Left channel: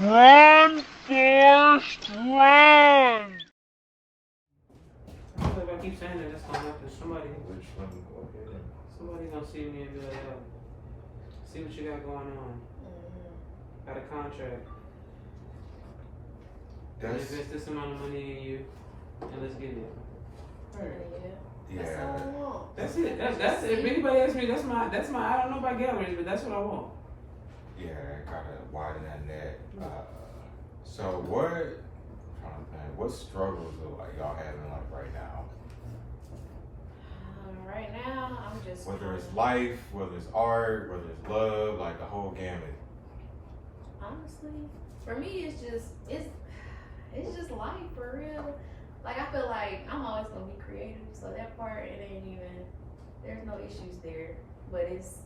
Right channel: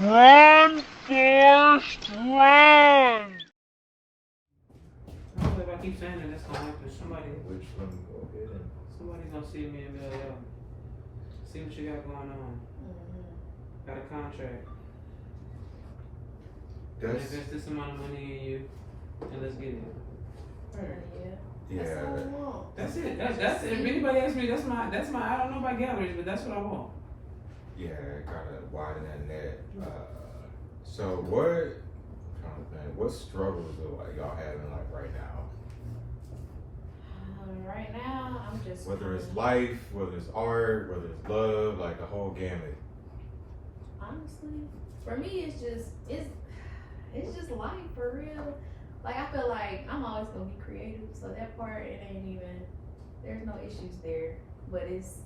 Run, Forrest, run! I feel like if I keep saying it, that's gonna happen. Which one? Okay. Somebody gonna see me and be like, yo, see what you got going on. Got a contract. That's Invest this amount of money in you, and let's get it. yeah. That's it. That's if anybody asks me, that's my. I don't know about getting rich, but that's what I want. Yeah, gotta widen that net. So what? I'm trying to think. What struggles are like y'all having like right now? Right now, I'm just Whether it's life, whether it's art, whether it's love, like the whole gamut. honestly, for me, it's just life for real. Like I feel like I'm always gonna be creative, so that part it ain't even. There's no issues there, but it's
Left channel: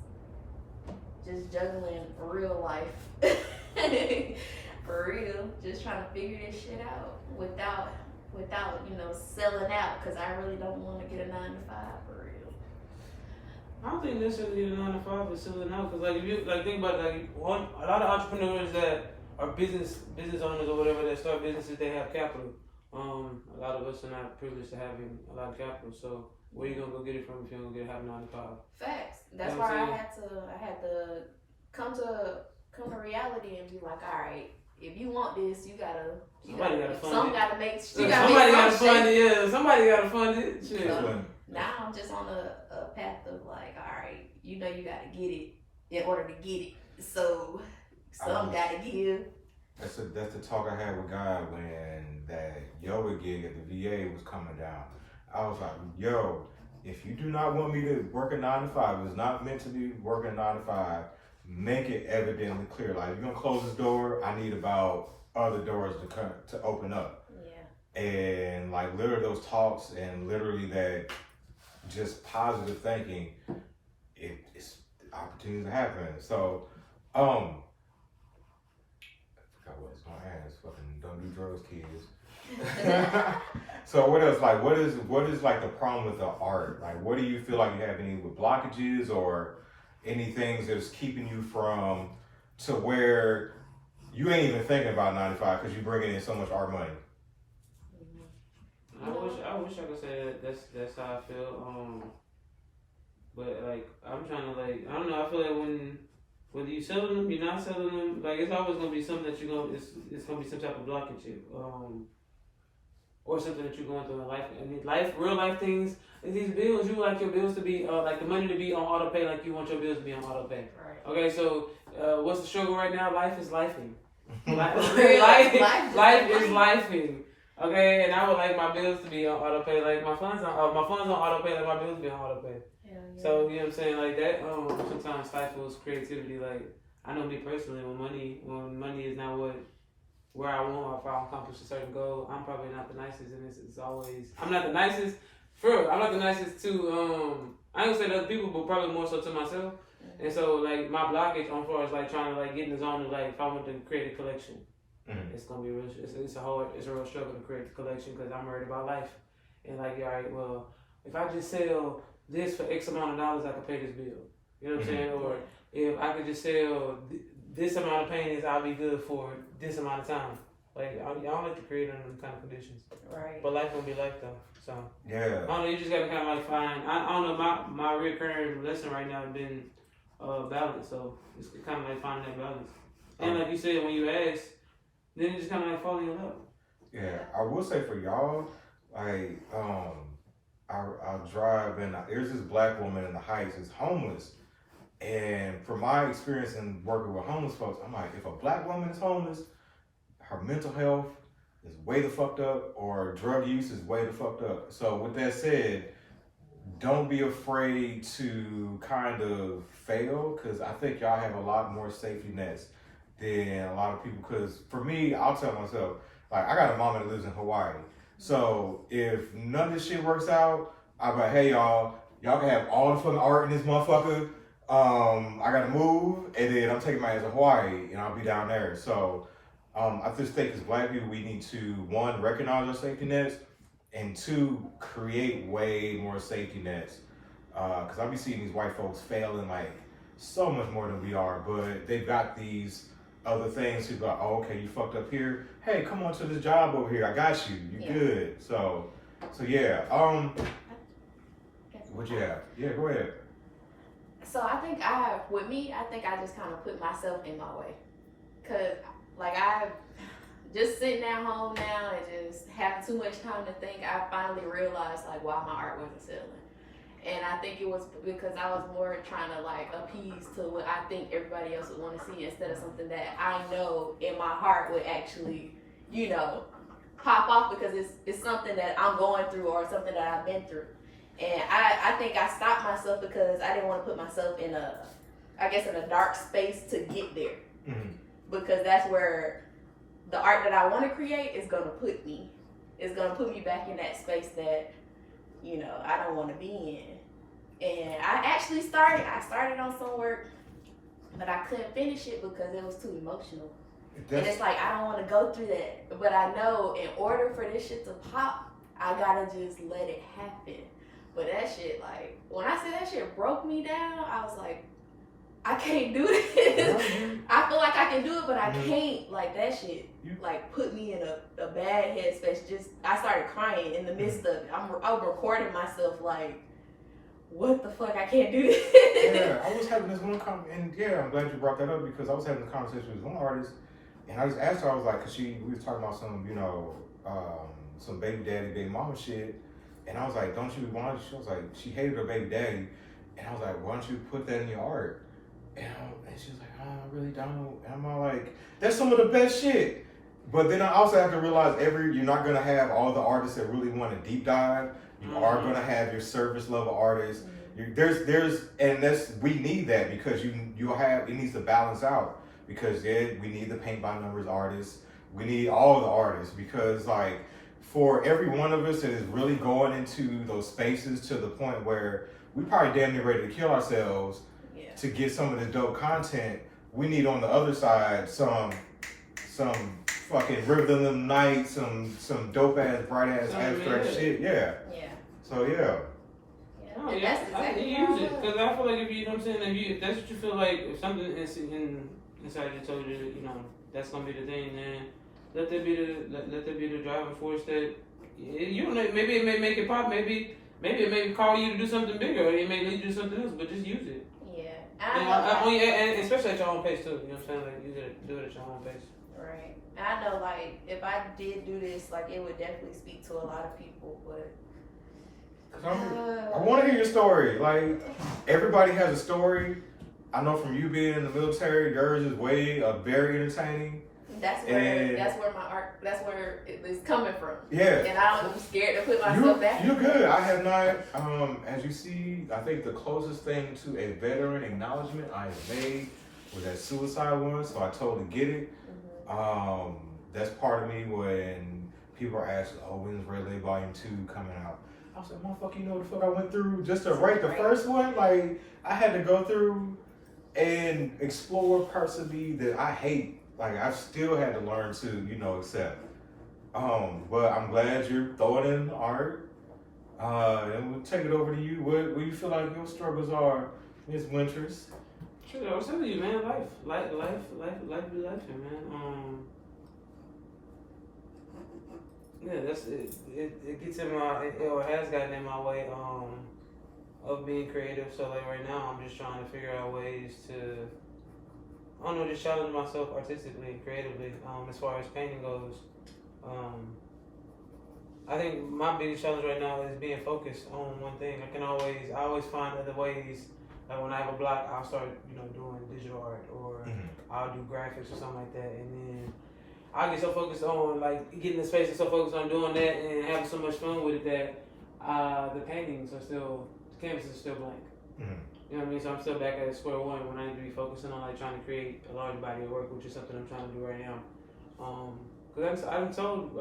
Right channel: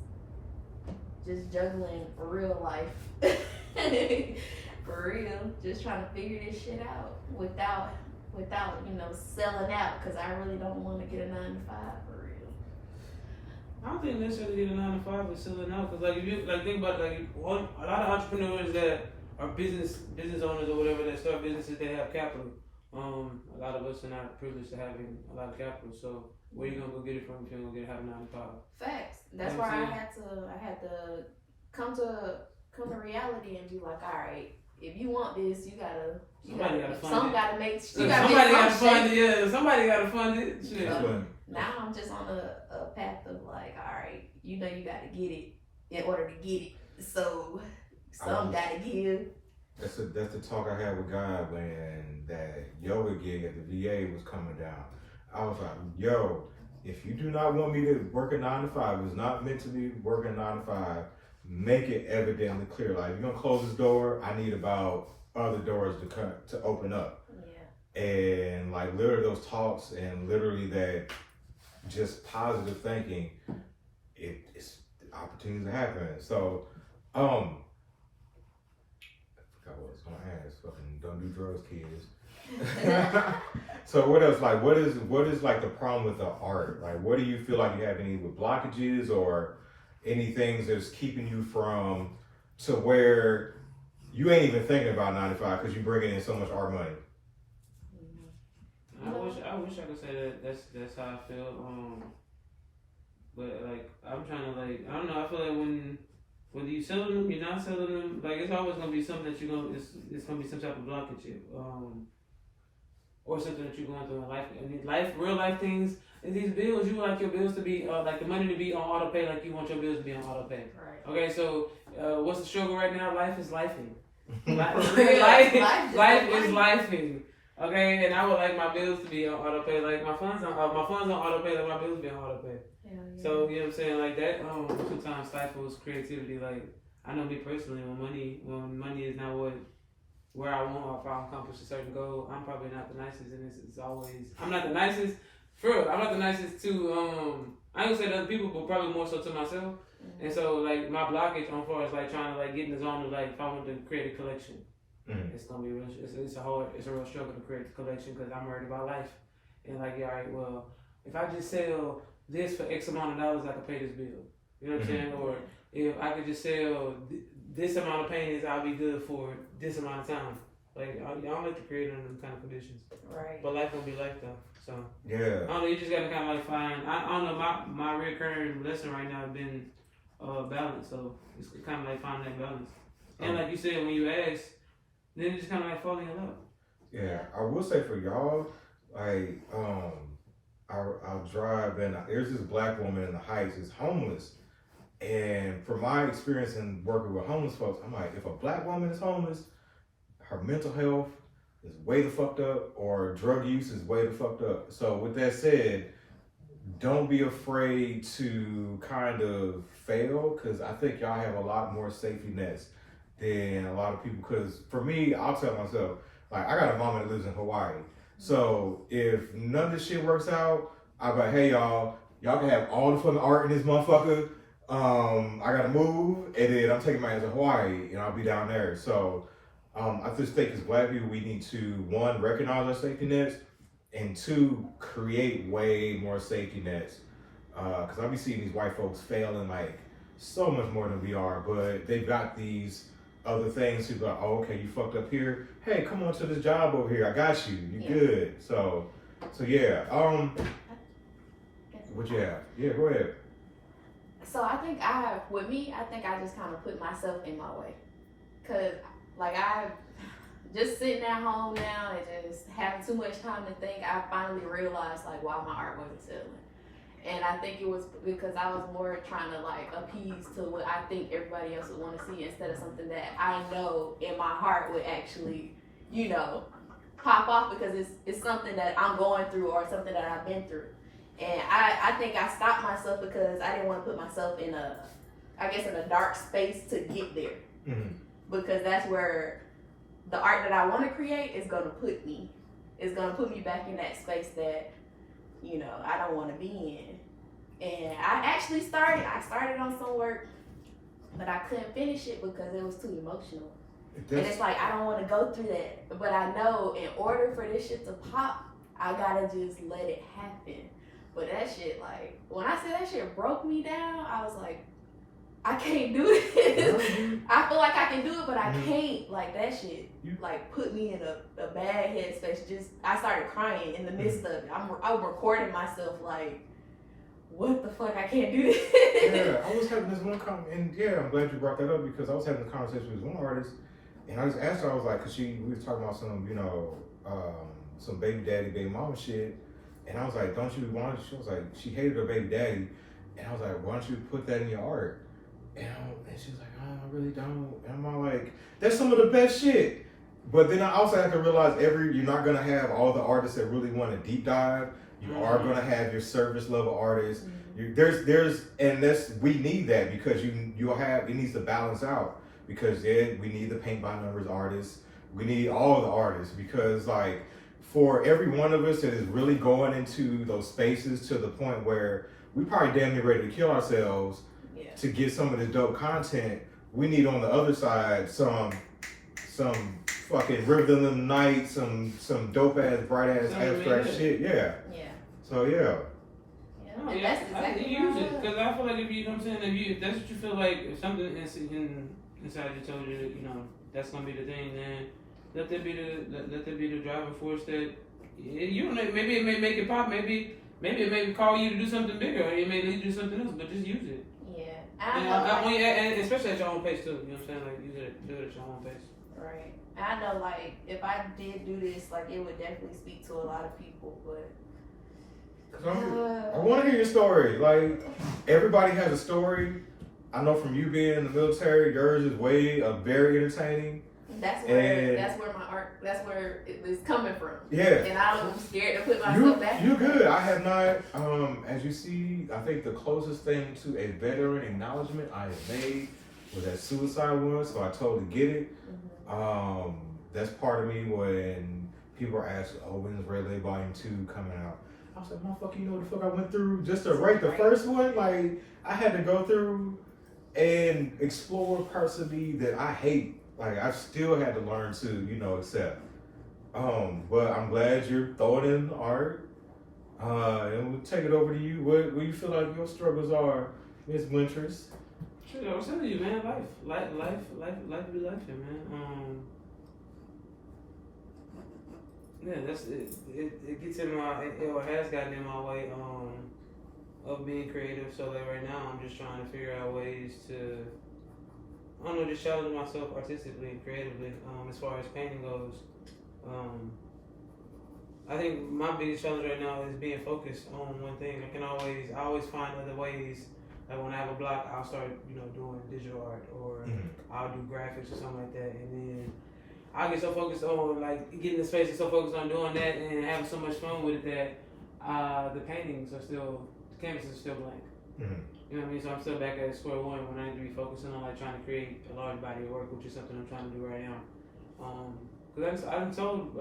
just juggling real life. For real, just trying to figure this shit out without selling out, because I really don't want to get a 9 to 5 for real. I don't think necessarily get a 9 to 5 is selling out, because like if you like think about it, like a lot of entrepreneurs that are business owners or whatever that start businesses, they have capital. A lot of us are not privileged to having a lot of capital, so where you gonna go get it from if you don't have 9 to 5? Facts. That's You know what why I'm I had to come to reality and be like, all right, if you want this, Somebody gotta fund some it. gotta make. Somebody gotta fund it. Yeah, somebody gotta fund it. Shit. So now I'm just on a path of like, all right, you gotta get it in order to get it. So some gotta give. That's the talk I had with God when that yoga gig at the VA was coming down. I was like, yo, if you do not want me to work a 9 to 5, it's not meant to be working 9 to 5. Make it evidently clear. Like, if you're gonna close this door, I need about other doors to open up. Yeah. And like literally those talks and literally that just positive thinking, it's opportunities to happen. So, I forgot what I was gonna ask. Fucking don't do drugs, kids. So what else? Like, what is like the problem with the art? Like, what do you feel like you have any with blockages or any things that's keeping you from to where you ain't even thinking about 95 because you bringing in so much art money? I wish I could say that's how I feel. But like I'm trying to like I don't know. I feel like whether you selling them, you're not selling them. Like it's always gonna be something that it's gonna be some type of blockage, or something that you're going through in life. I mean, real life things. These bills, you want your bills to be like the money to be on auto pay, like you want your bills to be on auto pay. Right. Okay, so what's the struggle right now? Life is lifing. life is lifing. Okay, and I would like my bills to be on auto pay, like my funds on auto pay, like my bills be on auto pay. Yeah. So you know what I'm saying, like that. Sometimes stifles creativity. Like I know me personally, when money is not where I want, or if I accomplish a certain goal, I'm probably not the nicest, and it's always I'm not the nicest. For real, I'm not the nicest to I ain't gonna say to other people, but probably more so to myself. Mm-hmm. And so like my blockage on far as like trying to like get in the zone of like if I want to create a collection, it's gonna be real. It's a real struggle to create the collection because I'm worried about life. And like, all right, well, if I just sell this for X amount of dollars, I can pay this bill. You know what I'm saying? Or if I could just sell this amount of paintings, I'll be good for this amount of time. Like I don't like to create under them kind of conditions. Right. But life gonna be life though. So yeah. I don't know. You just gotta kind of like find. I don't know. My recurring lesson right now has been balance. So it's kind of like finding that balance. And like you said, when you ask, then it just kind of like falling in love. Yeah, I will say for y'all, like I'll drive and there's this black woman in the Heights is homeless, and from my experience in working with homeless folks, I'm like, if a black woman is homeless, her mental health is way the fucked up, or drug use is way the fucked up. So with that said, don't be afraid to kind of fail, because I think y'all have a lot more safety nets than a lot of people. Because for me, I'll tell myself, like, I got a mama that lives in Hawaii. So if none of this shit works out, I'm like, hey y'all can have all the fucking art in this motherfucker. I gotta move, and then I'm taking my ass to Hawaii, and I'll be down there. So I just think as black people, we need to, one, recognize our safety nets, and two, create way more safety nets. Because I be seeing these white folks failing like so much more than we are, but they've got these other things. People are like, oh, okay, you fucked up here. Hey, come on to this job over here. I got you. You good. So yeah. What you have? Yeah, go ahead. So I think I just kind of put myself in my way. Cause like I just sitting at home now and just having too much time to think, I finally realized like why my art wasn't selling. And I think it was because I was more trying to like appease to what I think everybody else would want to see instead of something that I know in my heart would actually, you know, pop off because it's something that I'm going through or something that I've been through. And I think I stopped myself because I didn't want to put myself in a dark space to get there. Mm-hmm. Because that's where the art that I want to create is going to put me. It's going to put me back in that space that, you know, I don't want to be in. And I started on some work, but I couldn't finish it because it was too emotional. And it's like, I don't want to go through that. But I know in order for this shit to pop, I gotta just let it happen. But that shit, like, when I say that shit broke me down, I was like, I can't do this. I feel like I can do it, but I can't. Like, that shit, like, put me in a bad headspace. I started crying in the midst of it. I was recording myself, like, what the fuck, I can't do this. Yeah, I was having this one and yeah, I'm glad you brought that up because I was having a conversation with one artist, and I just asked her, I was like, cause we was talking about some, you know, some baby daddy, baby mama shit, and I was like, she was like, she hated her baby daddy, and I was like, why don't you put that in your art? And she was like, oh, I really don't. And I'm all like, that's some of the best shit. But then I also have to realize you're not gonna have all the artists that really want to deep dive. You are gonna have your service level artists. We need that because it needs to balance out because we need the paint by numbers artists. We need all the artists because like for every one of us that is really going into those spaces to the point where we probably damn near ready to kill ourselves to get some of this dope content, we need on the other side some fucking Rhythm Night, some dope ass, bright ass abstract shit. Yeah. So yeah. No, yeah, I use it because I feel like if you know what I'm saying, if that's what you feel like, if something inside you told you, you know, that's gonna be the thing, then let that be the driving force that you don't know. Maybe it may make it pop. Maybe it may call you to do something bigger, or it may lead you to something else. But just use it. And especially at your own pace too. You know what I'm saying? Like use it, do it at your own pace. Right. I know, like if I did do this, like it would definitely speak to a lot of people, but. I want to hear your story. Like everybody has a story. I know from you being in the military, yours is very entertaining. That's where my art. That's where it's coming from. Yeah. And I'm scared to put myself back. You're good. I have not. As you see, I think the closest thing to a veteran acknowledgement I have made was that suicide one. So I totally get it. Mm-hmm. That's part of me when people are asking, "Oh, when's Red Lake Volume 2 coming out?" I was like, motherfucker, you know what the fuck I went through just to write the first one? Like, I had to go through and explore parts of me that I hate. Like, I still had to learn to, you know, accept. But I'm glad you're throwing in art. And we'll take it over to you. What do you feel like your struggles are, Miss Wyntress? Sure, I'm telling you, man, life be life, man. Yeah, that's it. It gets in my, or has gotten in my way of being creative. So like right now, I'm just trying to figure out ways to, I don't know, just challenge myself artistically and creatively. As far as painting goes, I think my biggest challenge right now is being focused on one thing. I always find other ways. Like when I have a block, I'll start, you know, doing digital art, or I'll do graphics or something like that, and then I get so focused on like getting the space and so focused on doing that and having so much fun with it that the paintings are still, the canvas is still blank. You know what I mean? So I'm still back at square one when I need to be focusing on like trying to create a large body of work, which is something I'm trying to do right now. Because I've told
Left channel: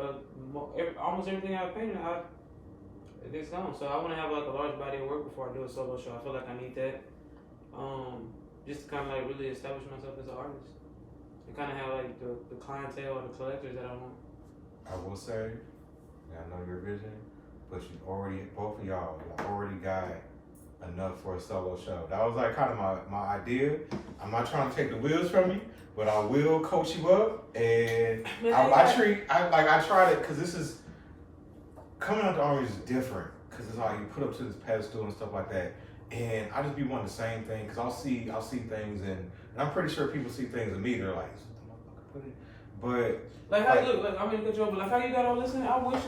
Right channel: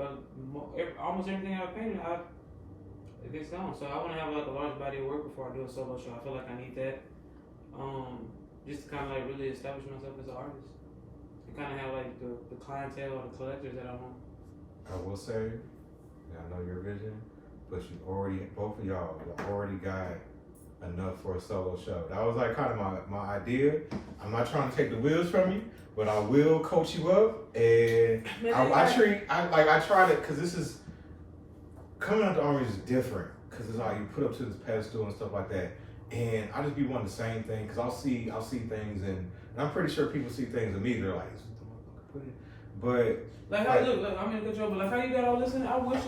almost everything I've painted, it's gone. So I want to have like a large body of work before I do a solo show. I feel like I need that, just to kind of like really establish myself as an artist. Kind of have like the clientele or the collectors that I want. I will say, I know your vision, but both of y'all already got enough for a solo show. That was like kind of my idea. I'm not trying to take the wheels from you, but I will coach you up, and I try to, because this is coming out the Army is different, because it's like you put up to this pedestal and stuff like that, and I just be wanting the same thing, because I'll see things, and I'm pretty sure people see things in me, they're like, is what the motherfucker put it, but. Like how look, I mean, good job, but like how you got all this in? I wish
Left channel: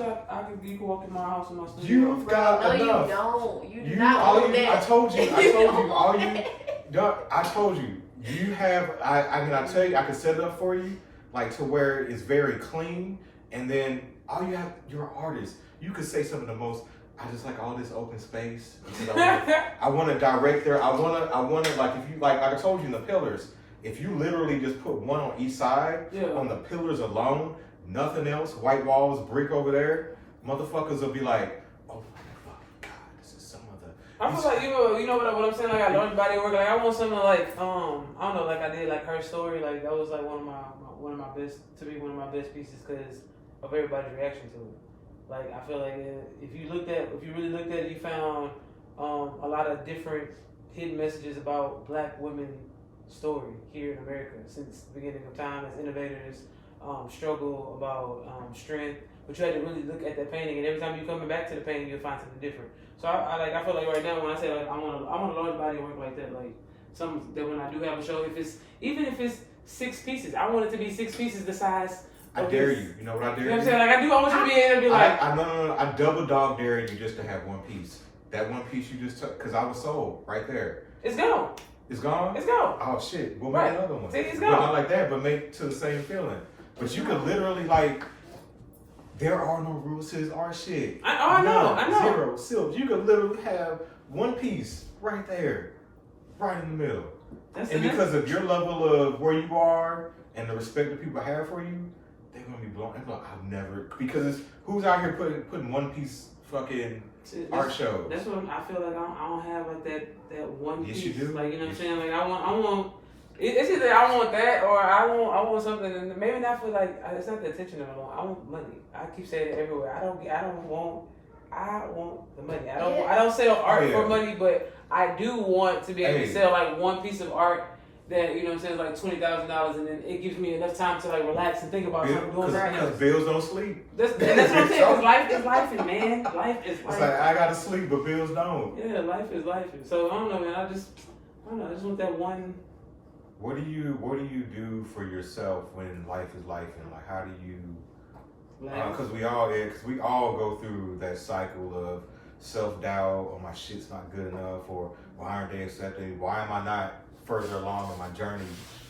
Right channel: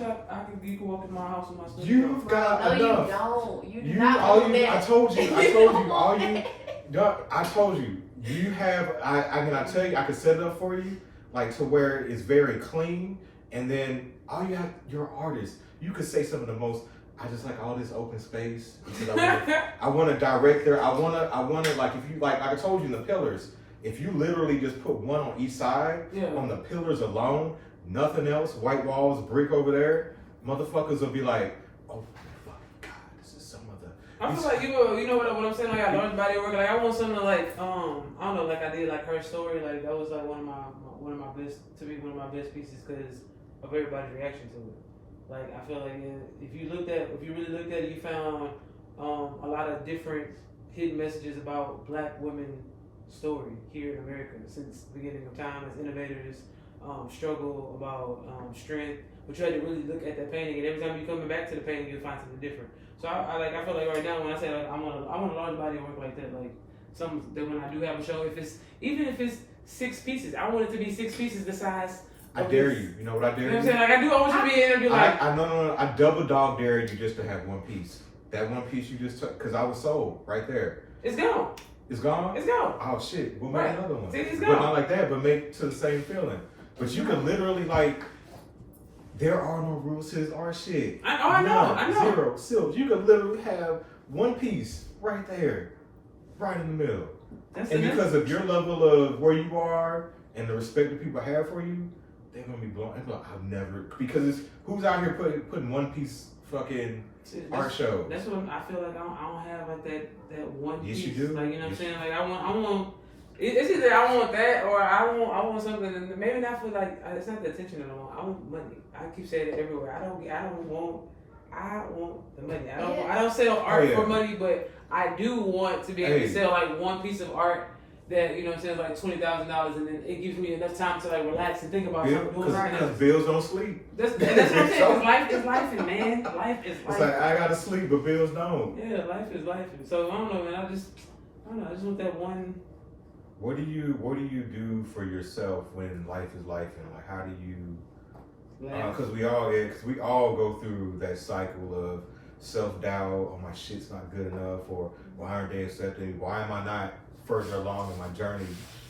you could walk in my house and my studio. You've got enough. You don't. You You not all on you. that. I told you. I told you. You have. I mean, I tell you, I can set it up for you, like to where it's very clean, and then all you have. You're an artist. You could say some of the most. I just like all this open space because I want to direct there. I want to like if you like I told you in the pillars. If you literally just put one on each side, on the pillars alone, nothing else, white walls, brick over there, motherfuckers will be like, oh my fucking God, this is some of the. I feel like you know what I'm saying. Like I learned body work. Like I want something like I don't know. Like I did like her story. Like that was like one of my best pieces because of everybody's reaction to it. Like I feel like if you really looked at it, you found a lot of different hidden messages about Black women. Story here in America since the beginning of time as innovators struggle about strength, but you had to really look at that painting, and every time you're coming back to the painting, you'll find something different. So I feel like right now when I say like I want a large body of work like that, like some that when I do have a show, even if it's 6 pieces, I want it to be 6 pieces the size. I dare you. You know what I dare you? You know what I'm saying? Like I want you to be able to be like. I double dog dare you just to have one piece. That one piece you just took, because I was sold right there. It's gone. It's gone? It's gone. Oh shit. We'll make another one. See, it's but gone. not like that, but make to the same feeling. But you can literally like there are no rules to this art shit. I know. Zero. Silk. You could literally have one piece right there. Right in the middle. Because of your level of where you are and the respect that people have for you, they're gonna be blown. Like, I've never because it's who's out here putting one piece fucking art show. That's what I feel like. I don't have like that one piece. Yes, you do. Like you know what I'm saying. Like I want. It's either I want that or I want something, and maybe not for like it's not the attention at all. I want money. I keep saying it everywhere. I want the money. I don't sell art for money, but I do want to be able to sell like one piece of art that you know what I'm saying is like $20,000, and then it gives me enough time to like relax and think about something. Because bills don't sleep. That's what I'm saying. Life is life, man. Life is life. It's like I gotta sleep, but bills don't. Yeah, life is life. So I don't know, man. I just want that one. What do you do for yourself when life is life, and like how do you? Because we all go through that cycle of self-doubt. Oh, my shit's not good enough, or why aren't they accepting me? Why am I not further along in my journey?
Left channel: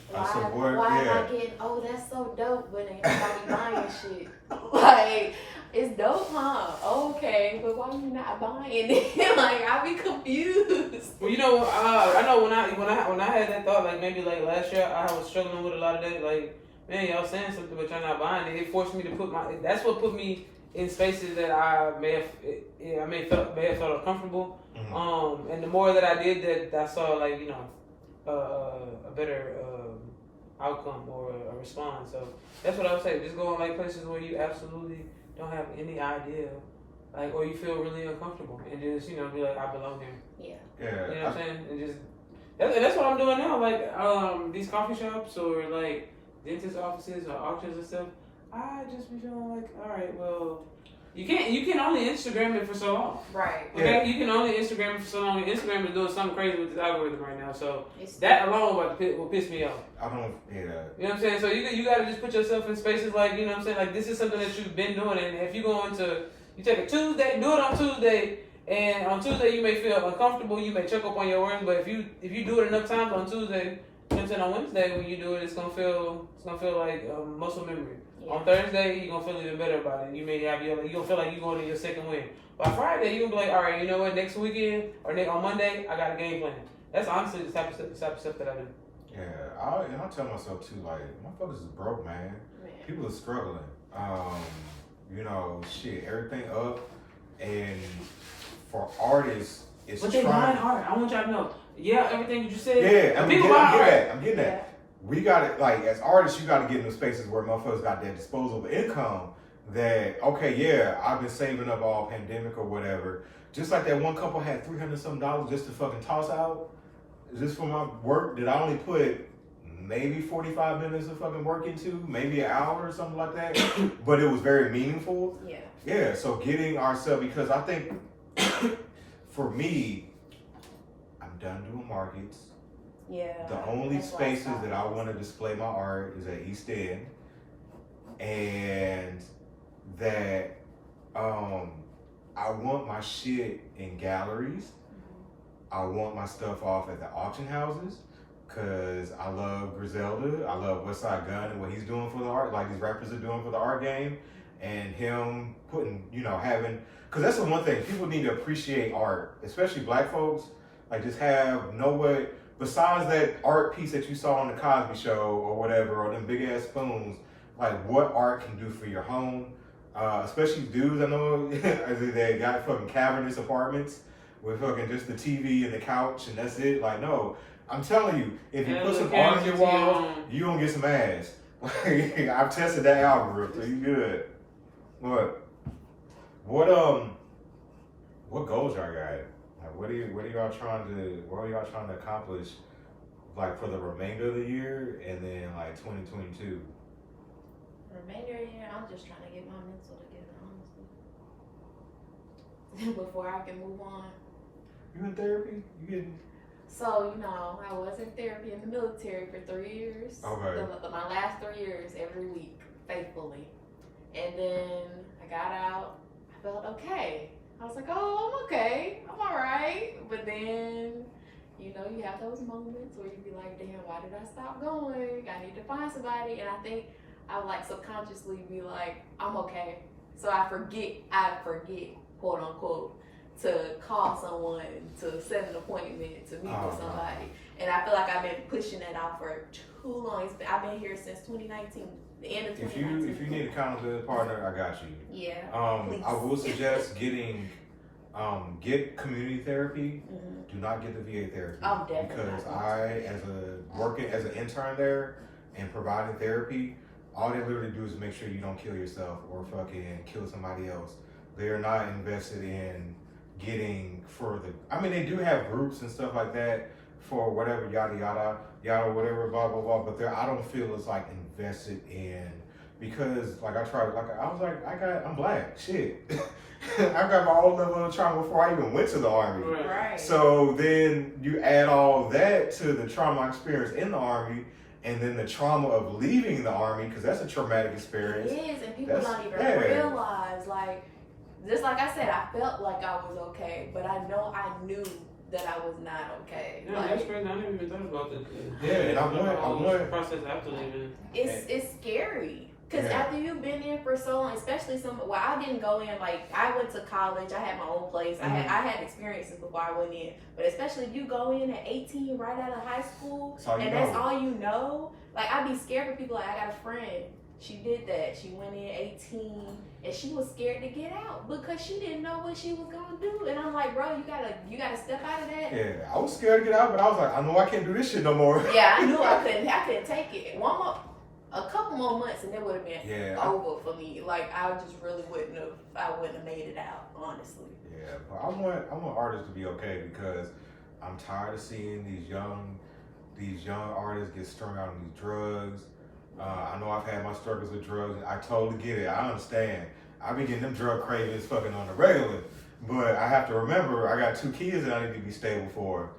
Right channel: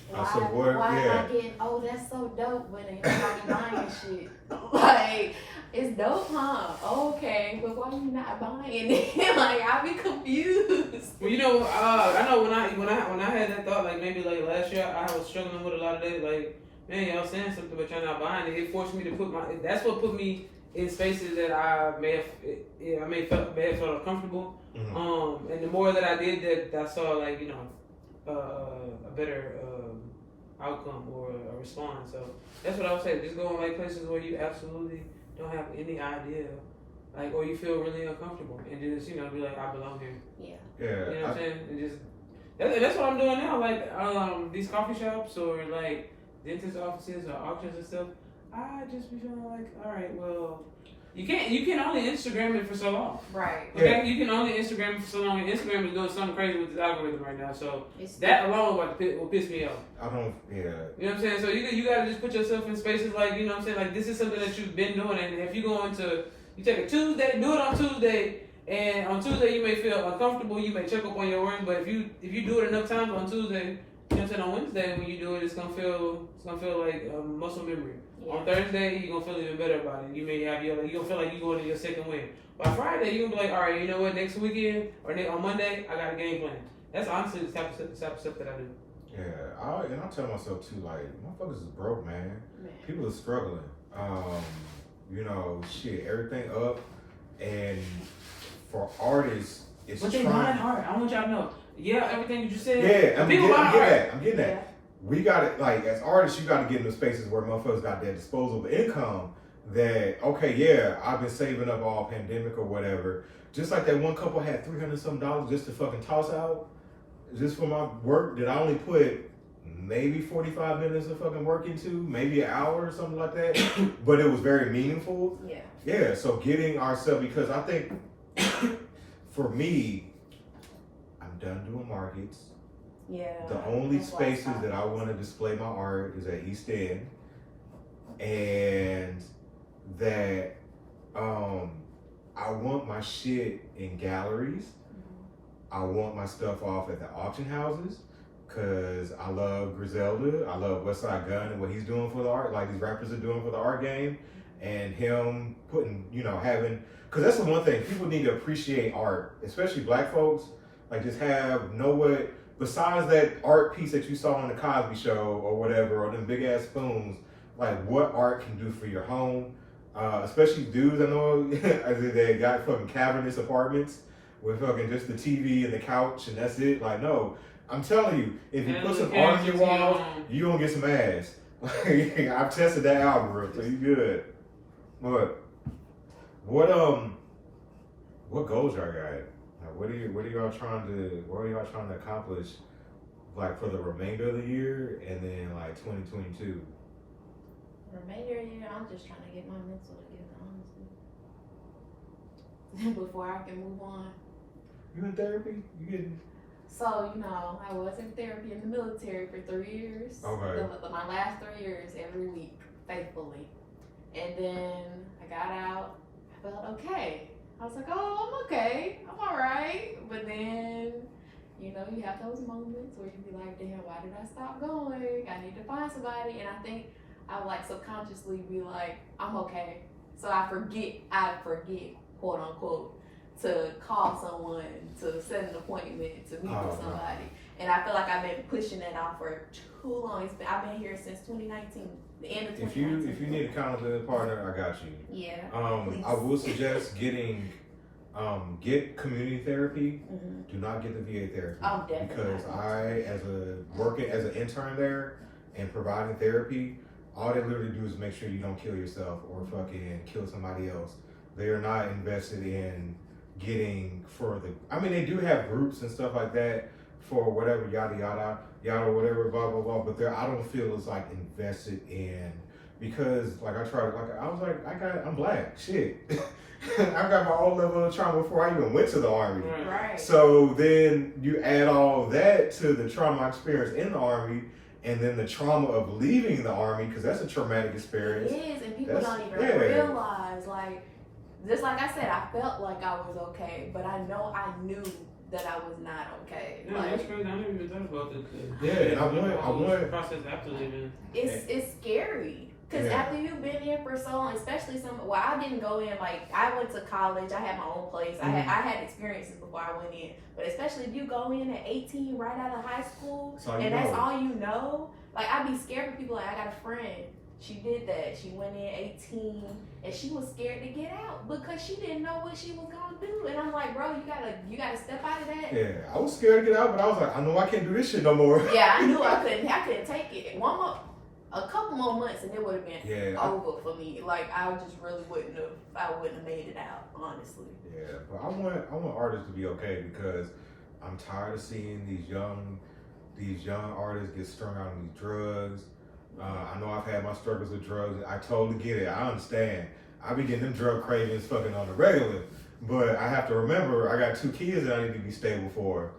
Why I get, oh, that's so dope, but ain't nobody buying shit. Like, it's dope, huh? Okay, but why you not buying it? Like, I be confused. Well, you know, I know when I had that thought, like maybe like last year, I was struggling with a lot of that. Like, man, y'all saying something, but y'all not buying it. It forced me to that's what put me in spaces that I may have felt uncomfortable. Mm-hmm. And the more that I did that, I saw like you know. A better outcome or a response. So that's what I would say. Just go in like places where you absolutely don't have any idea, like, or you feel really uncomfortable, and just you know be like, I belong here. Yeah. You know what I'm saying? And just that's what I'm doing now. Like these coffee shops or like dentist offices or auctions and stuff. I just be feeling like, all right, well. You can only Instagram it for so long. Right. Okay? Yeah. You can only Instagram it for so long. And Instagram is doing something crazy with this algorithm right now. So that alone will piss me off. You know what I'm saying? So you gotta just put yourself in spaces like, you know what I'm saying? Like this is something that you've been doing, and if you take a Tuesday, do it on Tuesday, and on Tuesday you may feel uncomfortable, you may check up on your words, but if you do it enough times on Tuesday, you know what I'm saying, on Wednesday when you do it, it's gonna feel like muscle memory. Yeah. On Thursday, you're gonna feel even better about it. You may have you're gonna feel like you're going to your second win. By Friday, you're gonna be like, all right, you know what? Next weekend or on Monday, I got a game plan. That's honestly the type of stuff that I do. Yeah, I tell myself too, like, motherfuckers is broke, man. People are struggling. You know, shit, everything up, and for artists, it's but they buying art. I want y'all to know. Yeah, everything that you said. Yeah, I'm getting that. Yeah. We got it, like, as artists, you got to get into spaces where motherfuckers got that disposable income that, okay, yeah, I've been saving up all pandemic or whatever. Just like that one couple had $300 something just to fucking toss out, just for my work that I only put maybe 45 minutes of fucking work into, maybe an hour or something like that. But it was very meaningful. Yeah. Yeah, so getting ourselves, because I think for me, I'm done doing markets. Yeah. The only that's why I spaces stopped. that I want to display my art is at East End, and that I want my shit in galleries. I want my stuff off at the auction houses, cause I love Griselda. I love Westside Gun and what he's doing for the art, like these rappers are doing for the art game, and him putting, having, cause that's the one thing people need to appreciate art, especially black folks. Like just know what, besides that art piece that you saw on the Cosby Show or whatever, or them big ass spoons, like what art can do for your home. Especially dudes I know they got fucking cavernous apartments with fucking just the TV and the couch and that's it. Like no, I'm telling you, if you put some art on your walls, you gonna get some ass. I've tested that algorithm, so you good. What goals y'all got? Like, what are y'all trying to accomplish, like for the remainder of the year and then like 2022? Remainder of the year, I'm just trying to get my mental together, honestly. Before I can move on. You in therapy? You getting? So, I was in therapy in the military for 3 years. Okay. My last 3 years, every week, faithfully. And then I got out. I felt okay. I was like, oh, I'm okay. I'm all right. But then, you have those moments where you be like, damn, why did I stop going? I need to find somebody. And I think I would like subconsciously be like, I'm okay. So I forget, quote unquote, to call someone, to set an appointment, to meet with somebody. And I feel like I've been pushing that off for too long. I've been here since 2019, the end of 2019. If you need an accountability partner, I got you. Yeah. I will suggest get community therapy. Mm-hmm. Do not get the VA therapy. I'm definitely because not. working as an intern there and providing therapy, all they literally do is make sure you don't kill yourself or fucking kill somebody else. They are not invested in getting further. I mean, they do have groups and stuff like that for whatever, yada yada, whatever, blah blah blah. But I don't feel it's like invested in, because like I'm black, shit. I got my own level of trauma before I even went to the Army. Right. So then you add all that to the trauma I experienced in the Army, and then the trauma of leaving the Army, because that's a traumatic experience. It is, and people don't even realize, like, just like I said, I felt like I was okay, but I knew that I was not okay. No, that's crazy. I never even thought about this. Yeah, and I want process after leaving. It's scary. Because after you've been in for so long, especially I didn't go in, like, I went to college, I had my own place, I had experiences before I went in, but especially if you go in at 18 right out of high school, that's all you know, like, I'd be scared for people. Like, I got a friend, she did that, she went in 18, and she was scared to get out, because she didn't know what she was gonna do, and I'm like, bro, you gotta step out of that. Yeah, I was scared to get out, but I was like, I know I can't do this shit no more. Yeah, I knew I couldn't take it. A couple more months and it would have been over for me. Like, I just really wouldn't have made it out, honestly. Yeah, but I want artists to be okay, because I'm tired of seeing these young artists get strung out on these drugs. I know I've had my struggles with drugs. I totally get it. I understand. I be getting them drug cravings fucking on the regular, but I have to remember I got 2 kids that I need to be stable for.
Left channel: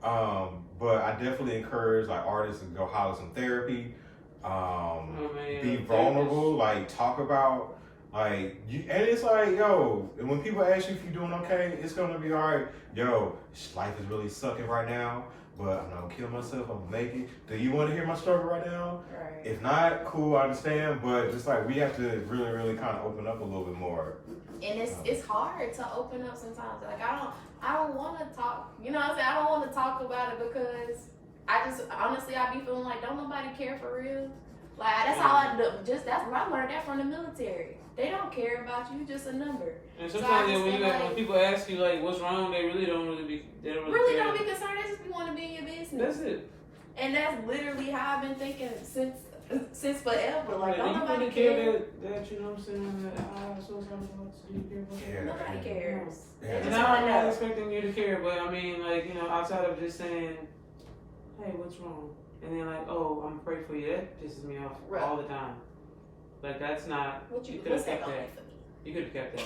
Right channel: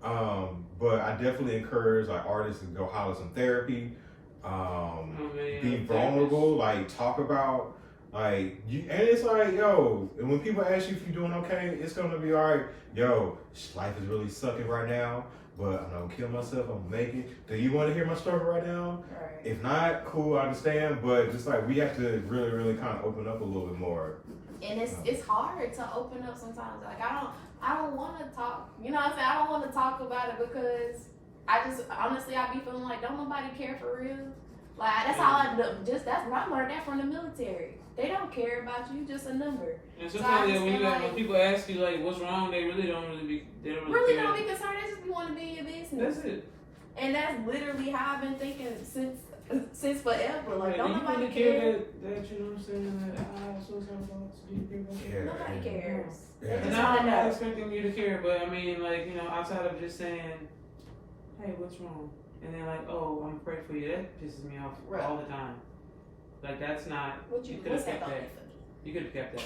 But I definitely encourage like artists to go holler some therapy. Be vulnerable, like talk about like you, and it's like, yo, and when people ask you if you're doing okay, it's gonna be all right. Yo, life is really sucking right now, but I'm not gonna kill myself. I'm gonna make it. Do you want to hear my struggle right now? Right. If not, cool, I understand. But just like we have to really, really kind of open up a little bit more. And it's hard to open up sometimes. Like I don't want to talk. You know what I'm saying? I don't want to talk about it because I just honestly I be feeling like don't nobody care for real. Like that's how I learned that from the military. They don't care about you, just a number. And sometimes when people ask you like what's wrong, they really don't be concerned. They just want to be in your business. That's it. And that's literally how I've been thinking since forever. Like don't you nobody really care. That you know what I'm saying? That I have suicidal thoughts. Do you care about that? Yeah. Nobody cares. Yeah. And I'm not expecting you to care, but I mean, like, you know, outside of just saying, hey, what's wrong? and they're like, "Oh, I'm gonna pray for you." That pisses me off Right. all the time. Like that's not. What you could have what's that kept gonna that. do for me? You could have kept that.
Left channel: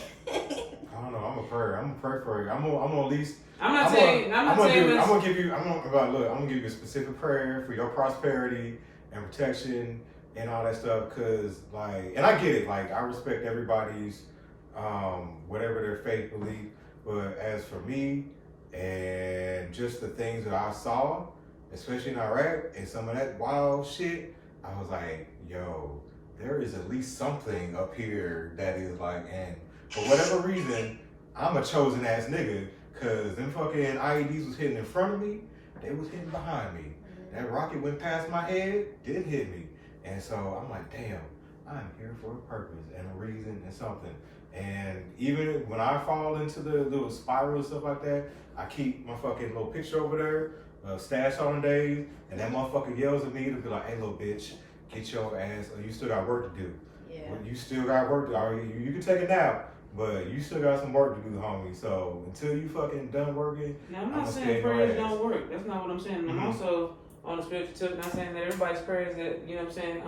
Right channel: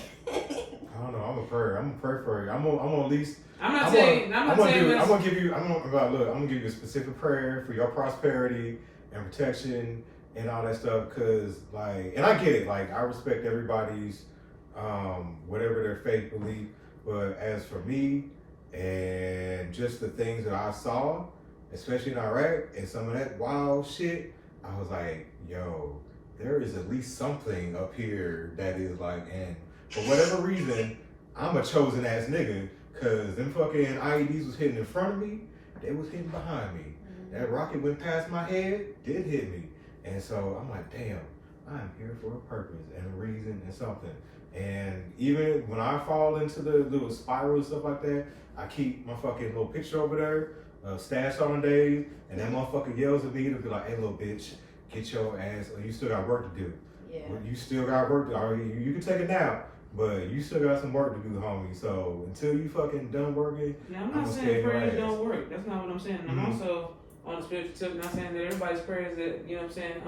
I don't know. I'm gonna pray for you. I'm gonna at least. I'm not saying. I'm gonna give you. I'm gonna give you a specific prayer for your prosperity and protection and all that stuff. Cause like, and I get it. Like, I respect everybody's, whatever their faith belief. But as for me, and just the things that I saw, especially in Iraq and some of that wild shit, I was like, yo, there is at least something up here that is like, and for whatever reason, I'm a chosen ass nigga, cause them fucking IEDs was hitting in front of me, they was hitting behind me. That rocket went past my head, did hit me. And so I'm like, damn, I'm here for a purpose and a reason and something. And even when I fall into the little spiral and stuff like that, I keep my fucking little picture over there, stashed on days, and that motherfucker yells at me to be like, hey, little bitch, get your ass, you still got work to do. Yeah. Well, you still got work to do. You can take a nap, but you still got some work to do, homie. So until you fucking done working, Now, I'm not saying prayers don't work. That's not what I'm saying. I'm also on the spiritual tip, not saying that everybody's prayers that, you know what I'm saying,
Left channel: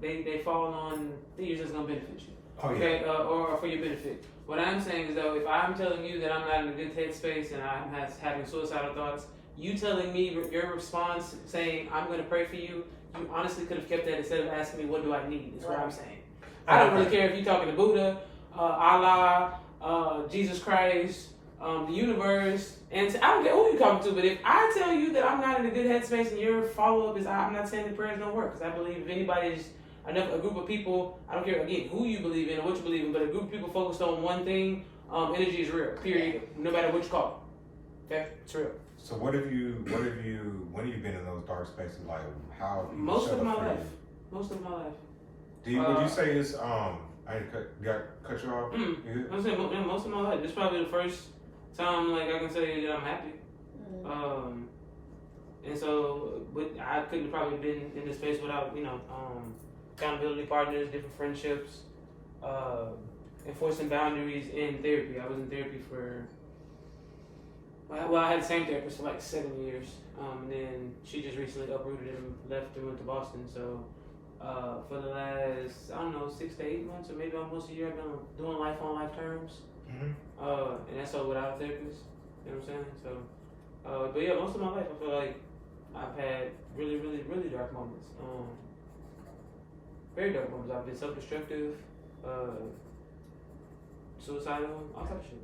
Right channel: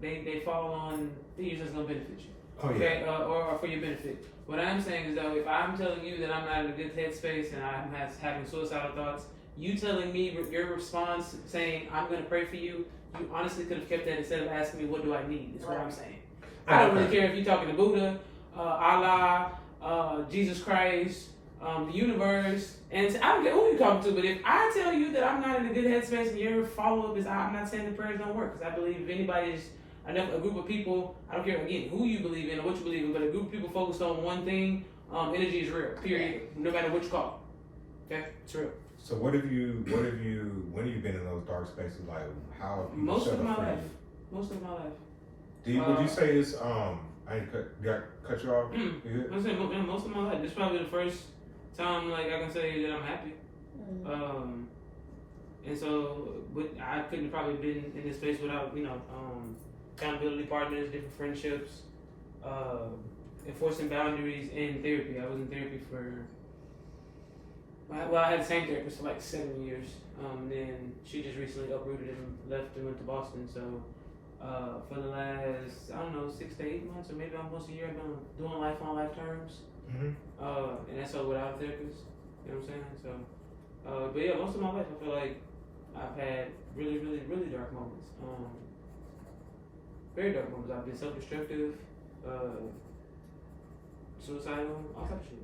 they fall on things that's going to benefit you. Oh, yeah. Okay, or for your benefit. What I'm saying is, though, if I'm telling you that I'm not in a good headspace and I'm having suicidal thoughts, you telling me your response saying, I'm going to pray for you, you honestly could have kept that instead of asking me, what do I need? Is what I'm saying. I don't really care if you're talking to Buddha, Allah, Jesus Christ, the universe, and I don't care who you're talking to, but if I tell you that I'm not in a good headspace and your follow-up is, I'm not saying the prayers don't work, because I believe if anybody's a group of people, I don't care again who you believe in or what you believe in, but a group of people focused on one thing, energy is real, period, no matter what you call it. Okay, it's real. So when have you been in those dark spaces? Like, how have you Most shut of up my for life. you? Most of my life. Would you say it's I didn't cut you off? I'm saying most of my life. This is probably the first time like I can say that I'm happy. And so, but I couldn't have probably been in this space without accountability partners, different friendships, enforcing boundaries, and therapy. I was in therapy for. Well, I had the same therapist for like 7 years. Then she just recently uprooted and left and went to Boston. So for the last, 6 to 8 months or maybe almost a year, I've been doing life on life terms. And that's all without a therapist. You know what I'm saying? So, but yeah, most of my life I feel like I've had really, really, really dark moments. Very dark moments. I've been self-destructive, suicidal, all type of shit.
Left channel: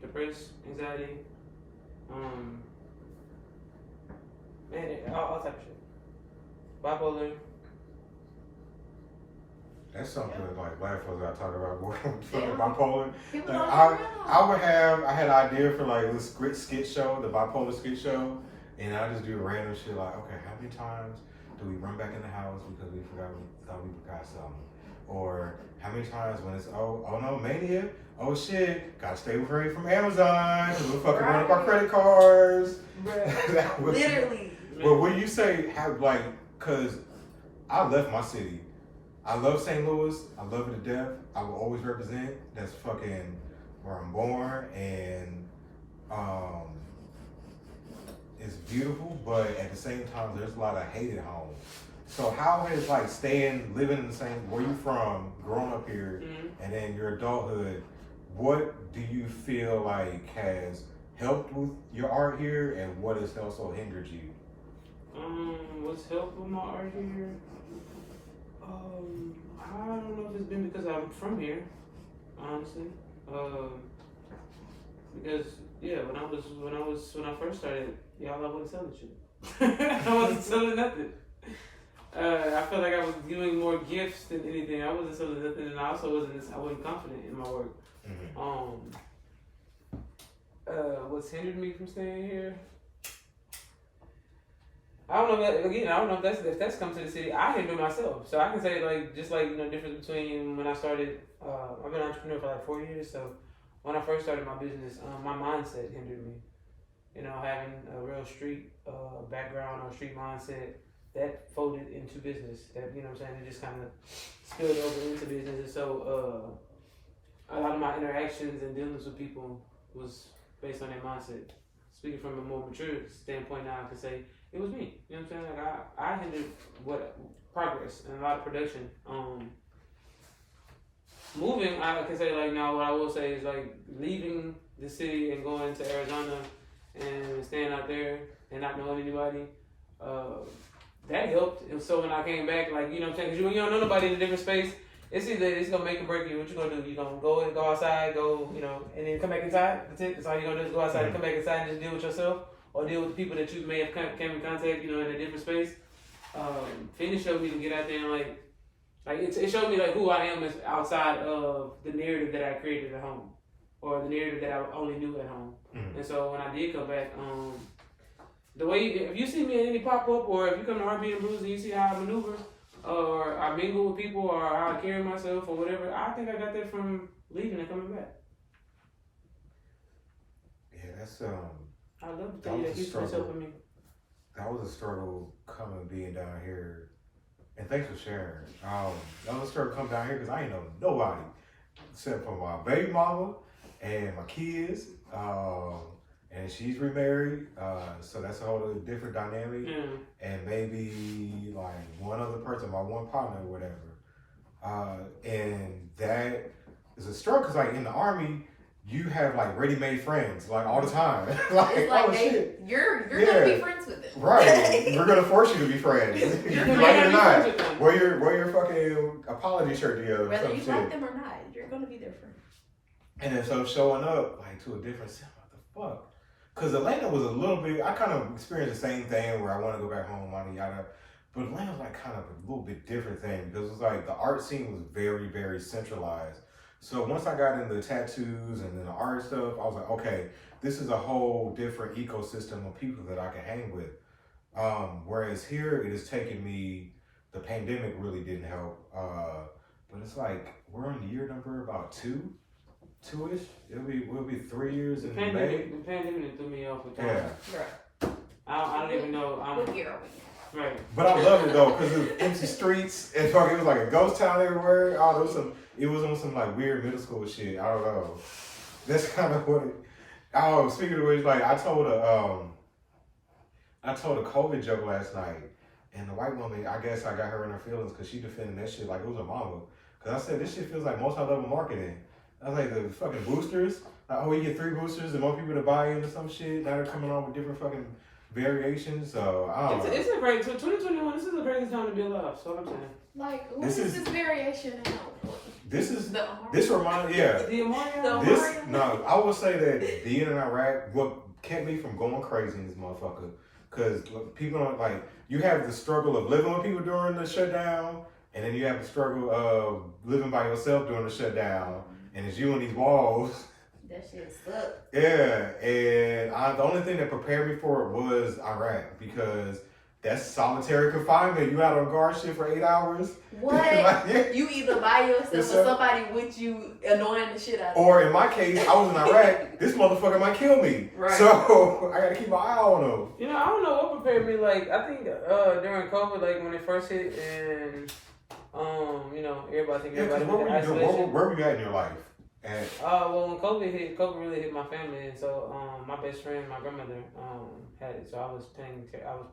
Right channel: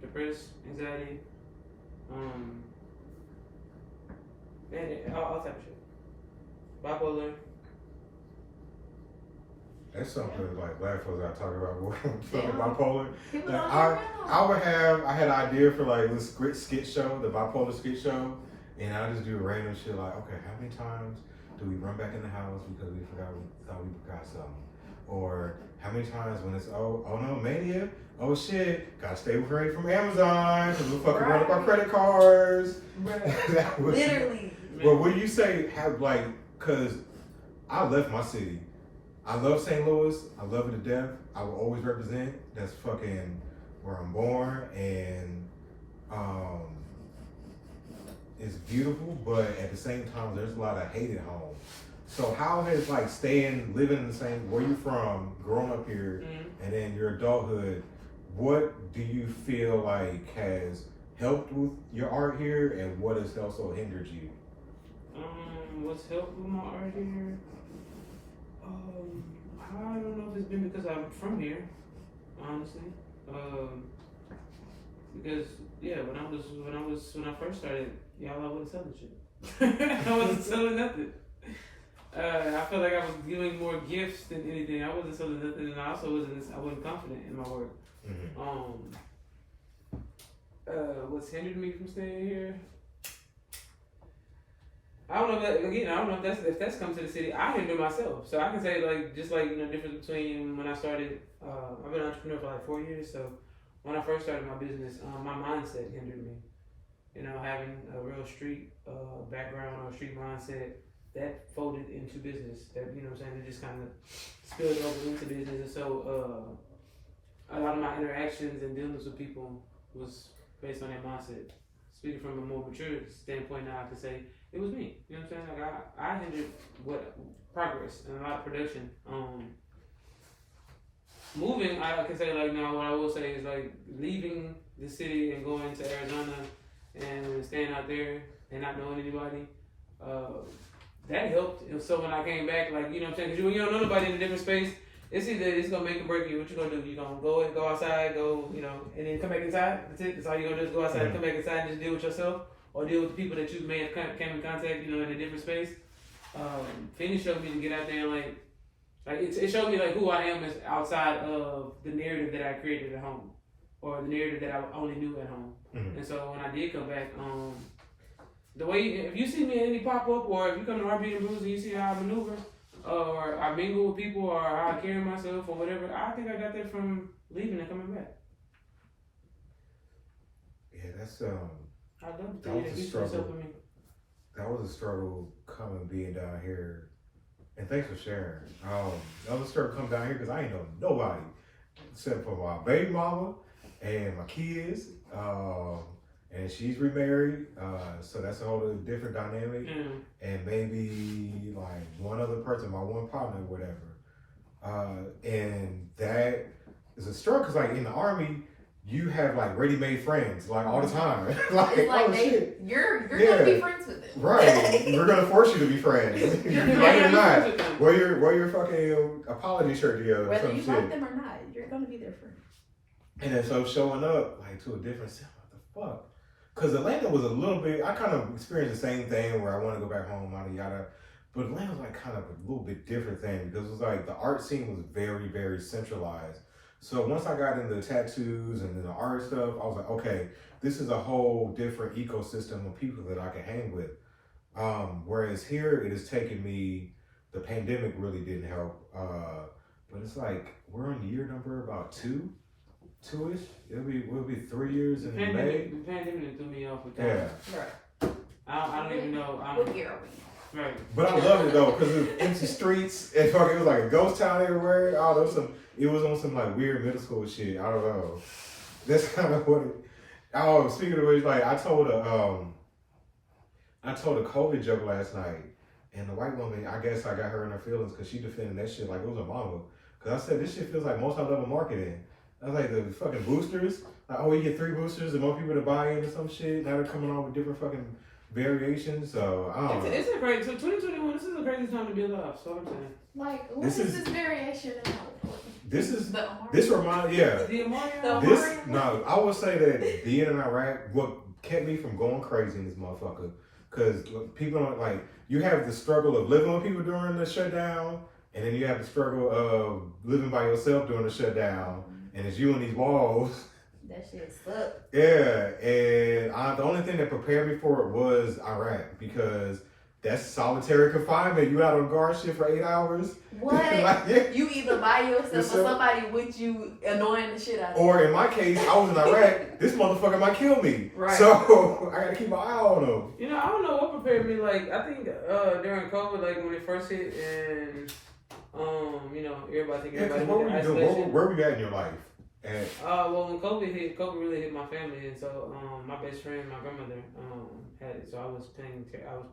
Depressed, anxiety, all type of shit. Bipolar. That's something like black folks gotta talk about more. Bipolar. People Like, don't I had an idea for like this skit show, the bipolar skit show, and I just do random shit like, okay, how many times do we run back in the house because we thought we forgot something? Or how many times when it's oh no, mania, oh shit, gotta stay away from Amazon because we'll fucking run up our credit cards. Literally. Well, what do you say have like, cause I left my city. I love St. Louis. I love it to death. I will always represent. That's fucking where I'm born, and it's beautiful. But at the same time, there's a lot of hate at home. So how has like living in the same where you from, growing up here, and then your adulthood? What do you feel like has helped with your art here, and what has also hindered you? What's helped with my art here? I don't know if it's been because I'm from here, honestly. Because when I first started, I wasn't selling shit. I wasn't selling nothing. I felt like I was giving more gifts than anything. I wasn't selling nothing, and I also wasn't confident in my work. What's hindered me from staying here? I don't know if that's come to the city. I hinder myself, so I can say difference between when I started. I've been an entrepreneur for like 4 years, so when I first started my business, my mindset hindered me. Having a real street background or street mindset that folded into business. That it just kind of spilled over into business, and so a lot of my interactions and dealings with people was based on that mindset. Speaking from a more mature standpoint now, I can say it was me. You know what I'm saying? Like I hindered what progress and a lot of production. Moving, I can say like now. What I will say is like leaving the city and going to Arizona and staying out there and not knowing anybody. That helped. And so when I came back, like, you know what I'm saying? Because when you don't know nobody in a different space, it's either it's gonna make or break you. What you gonna do? You gonna go outside, you know, and then come back inside. That's it. That's all you gonna do is go outside and come back inside and just deal with yourself, or deal with the people that you may have came in contact, you know, in a different space. Finish showed me to get out there and like it showed me like who I am as outside of the narrative that I created at home, or the narrative that I only knew at home. And so when I did come back, the way if you see me in any pop up, or if you come to RB and Brews and you see how I maneuver, or I mingle with people, or how I carry myself, or whatever, I think I got that from leaving and coming back. Yeah, that's I love that was that a you struggle. for me. That was a struggle coming being down here, and thanks for sharing. That was a struggle coming down here because I ain't know nobody except for my baby mama and my kids. And she's remarried, so that's a whole different dynamic. And maybe like one other person, my one partner or whatever. And that is a struggle because like in the Army, you have like ready-made friends like all the time. Like, It's like oh shit. you're gonna be friends with them. Right. We're gonna force you to be friends. Like or not. Wear your fucking apology shirt together or Whether some you shit. like them or not, you're gonna be their friend. And then so showing up like to a different city, what the fuck? Because Atlanta was a little bit, I kind of experienced the same thing where I want to go back home, yada yada. But Atlanta was like kind of a little bit different thing because it was like the art scene was very, very centralized. So once I got into the tattoos and then the art stuff, I was like, okay, this is a whole different ecosystem of people that I can hang with. Whereas here, it has taken me, the pandemic really didn't help. But it's like, we're on year number about two-ish. We'll be 3 years in May. The pandemic threw me off with that. Yeah. Right. I don't even know. What year are we? Right. But I loved it though, because it was empty streets and fucking, it was like a ghost town everywhere. Oh, it was on some like weird middle school shit. I don't know. That's kind of what it. Oh, speaking of which, like I told a COVID joke last night, and the white woman, I guess I got her in her feelings because she defended that shit like it was her mama. Because I said this shit feels like multi-level marketing. I was like the fucking boosters. Like, oh, you get 3 boosters and more people to buy in or some shit. Now they're coming on with different fucking variations. So I don't know. It's a great. So 2021. This is a crazy time to be alive. So I'm saying. Like, what is this variation now? This reminds The Amari. This no, I would say that being in Iraq, what kept me from going crazy in this motherfucker, because people don't like. You have the struggle of living with people during the shutdown, and then you have the struggle of living by yourself during the shutdown, and it's you in these walls. That shit sucks. Yeah, and the only thing that prepared me for it was Iraq, because that's solitary confinement. You out on guard shit for 8 hours. What? Like, you either by yourself or somebody with you annoying the shit out of you. Or in my case, I was in Iraq. This motherfucker might kill me. Right. So I gotta keep my eye on him. You know, I don't know what prepared me. Like, I think during COVID, like when it first hit, and you know, everybody think Yeah, because everybody what were you doing? Where were you at in your life? And well, when COVID really hit my family, and so my best friend, my grandmother, had it. So I was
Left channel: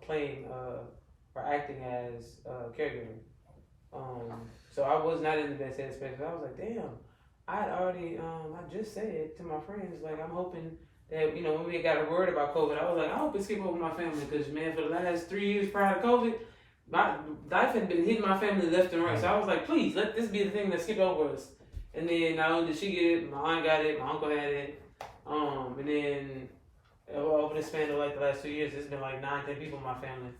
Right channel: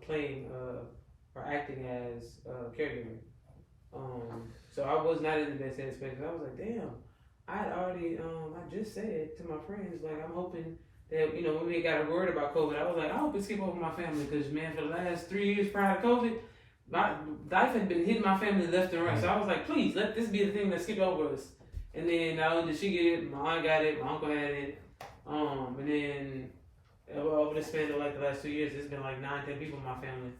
playing or acting as caregiver. So I was not in the best headspace. I was like, damn, I had already I just said to my friends, like, I'm hoping that, you know, when we got worried about COVID, I was like, I hope it skip over my family, because man, for the last 3 years prior to COVID, my life had been hitting my family left and right. So I was like, please let this be the thing that skipped over us. And then not only did she get it, my aunt got it, my uncle had it, and then over the span of like the last 2 years, there's been like 9-10 people in my family.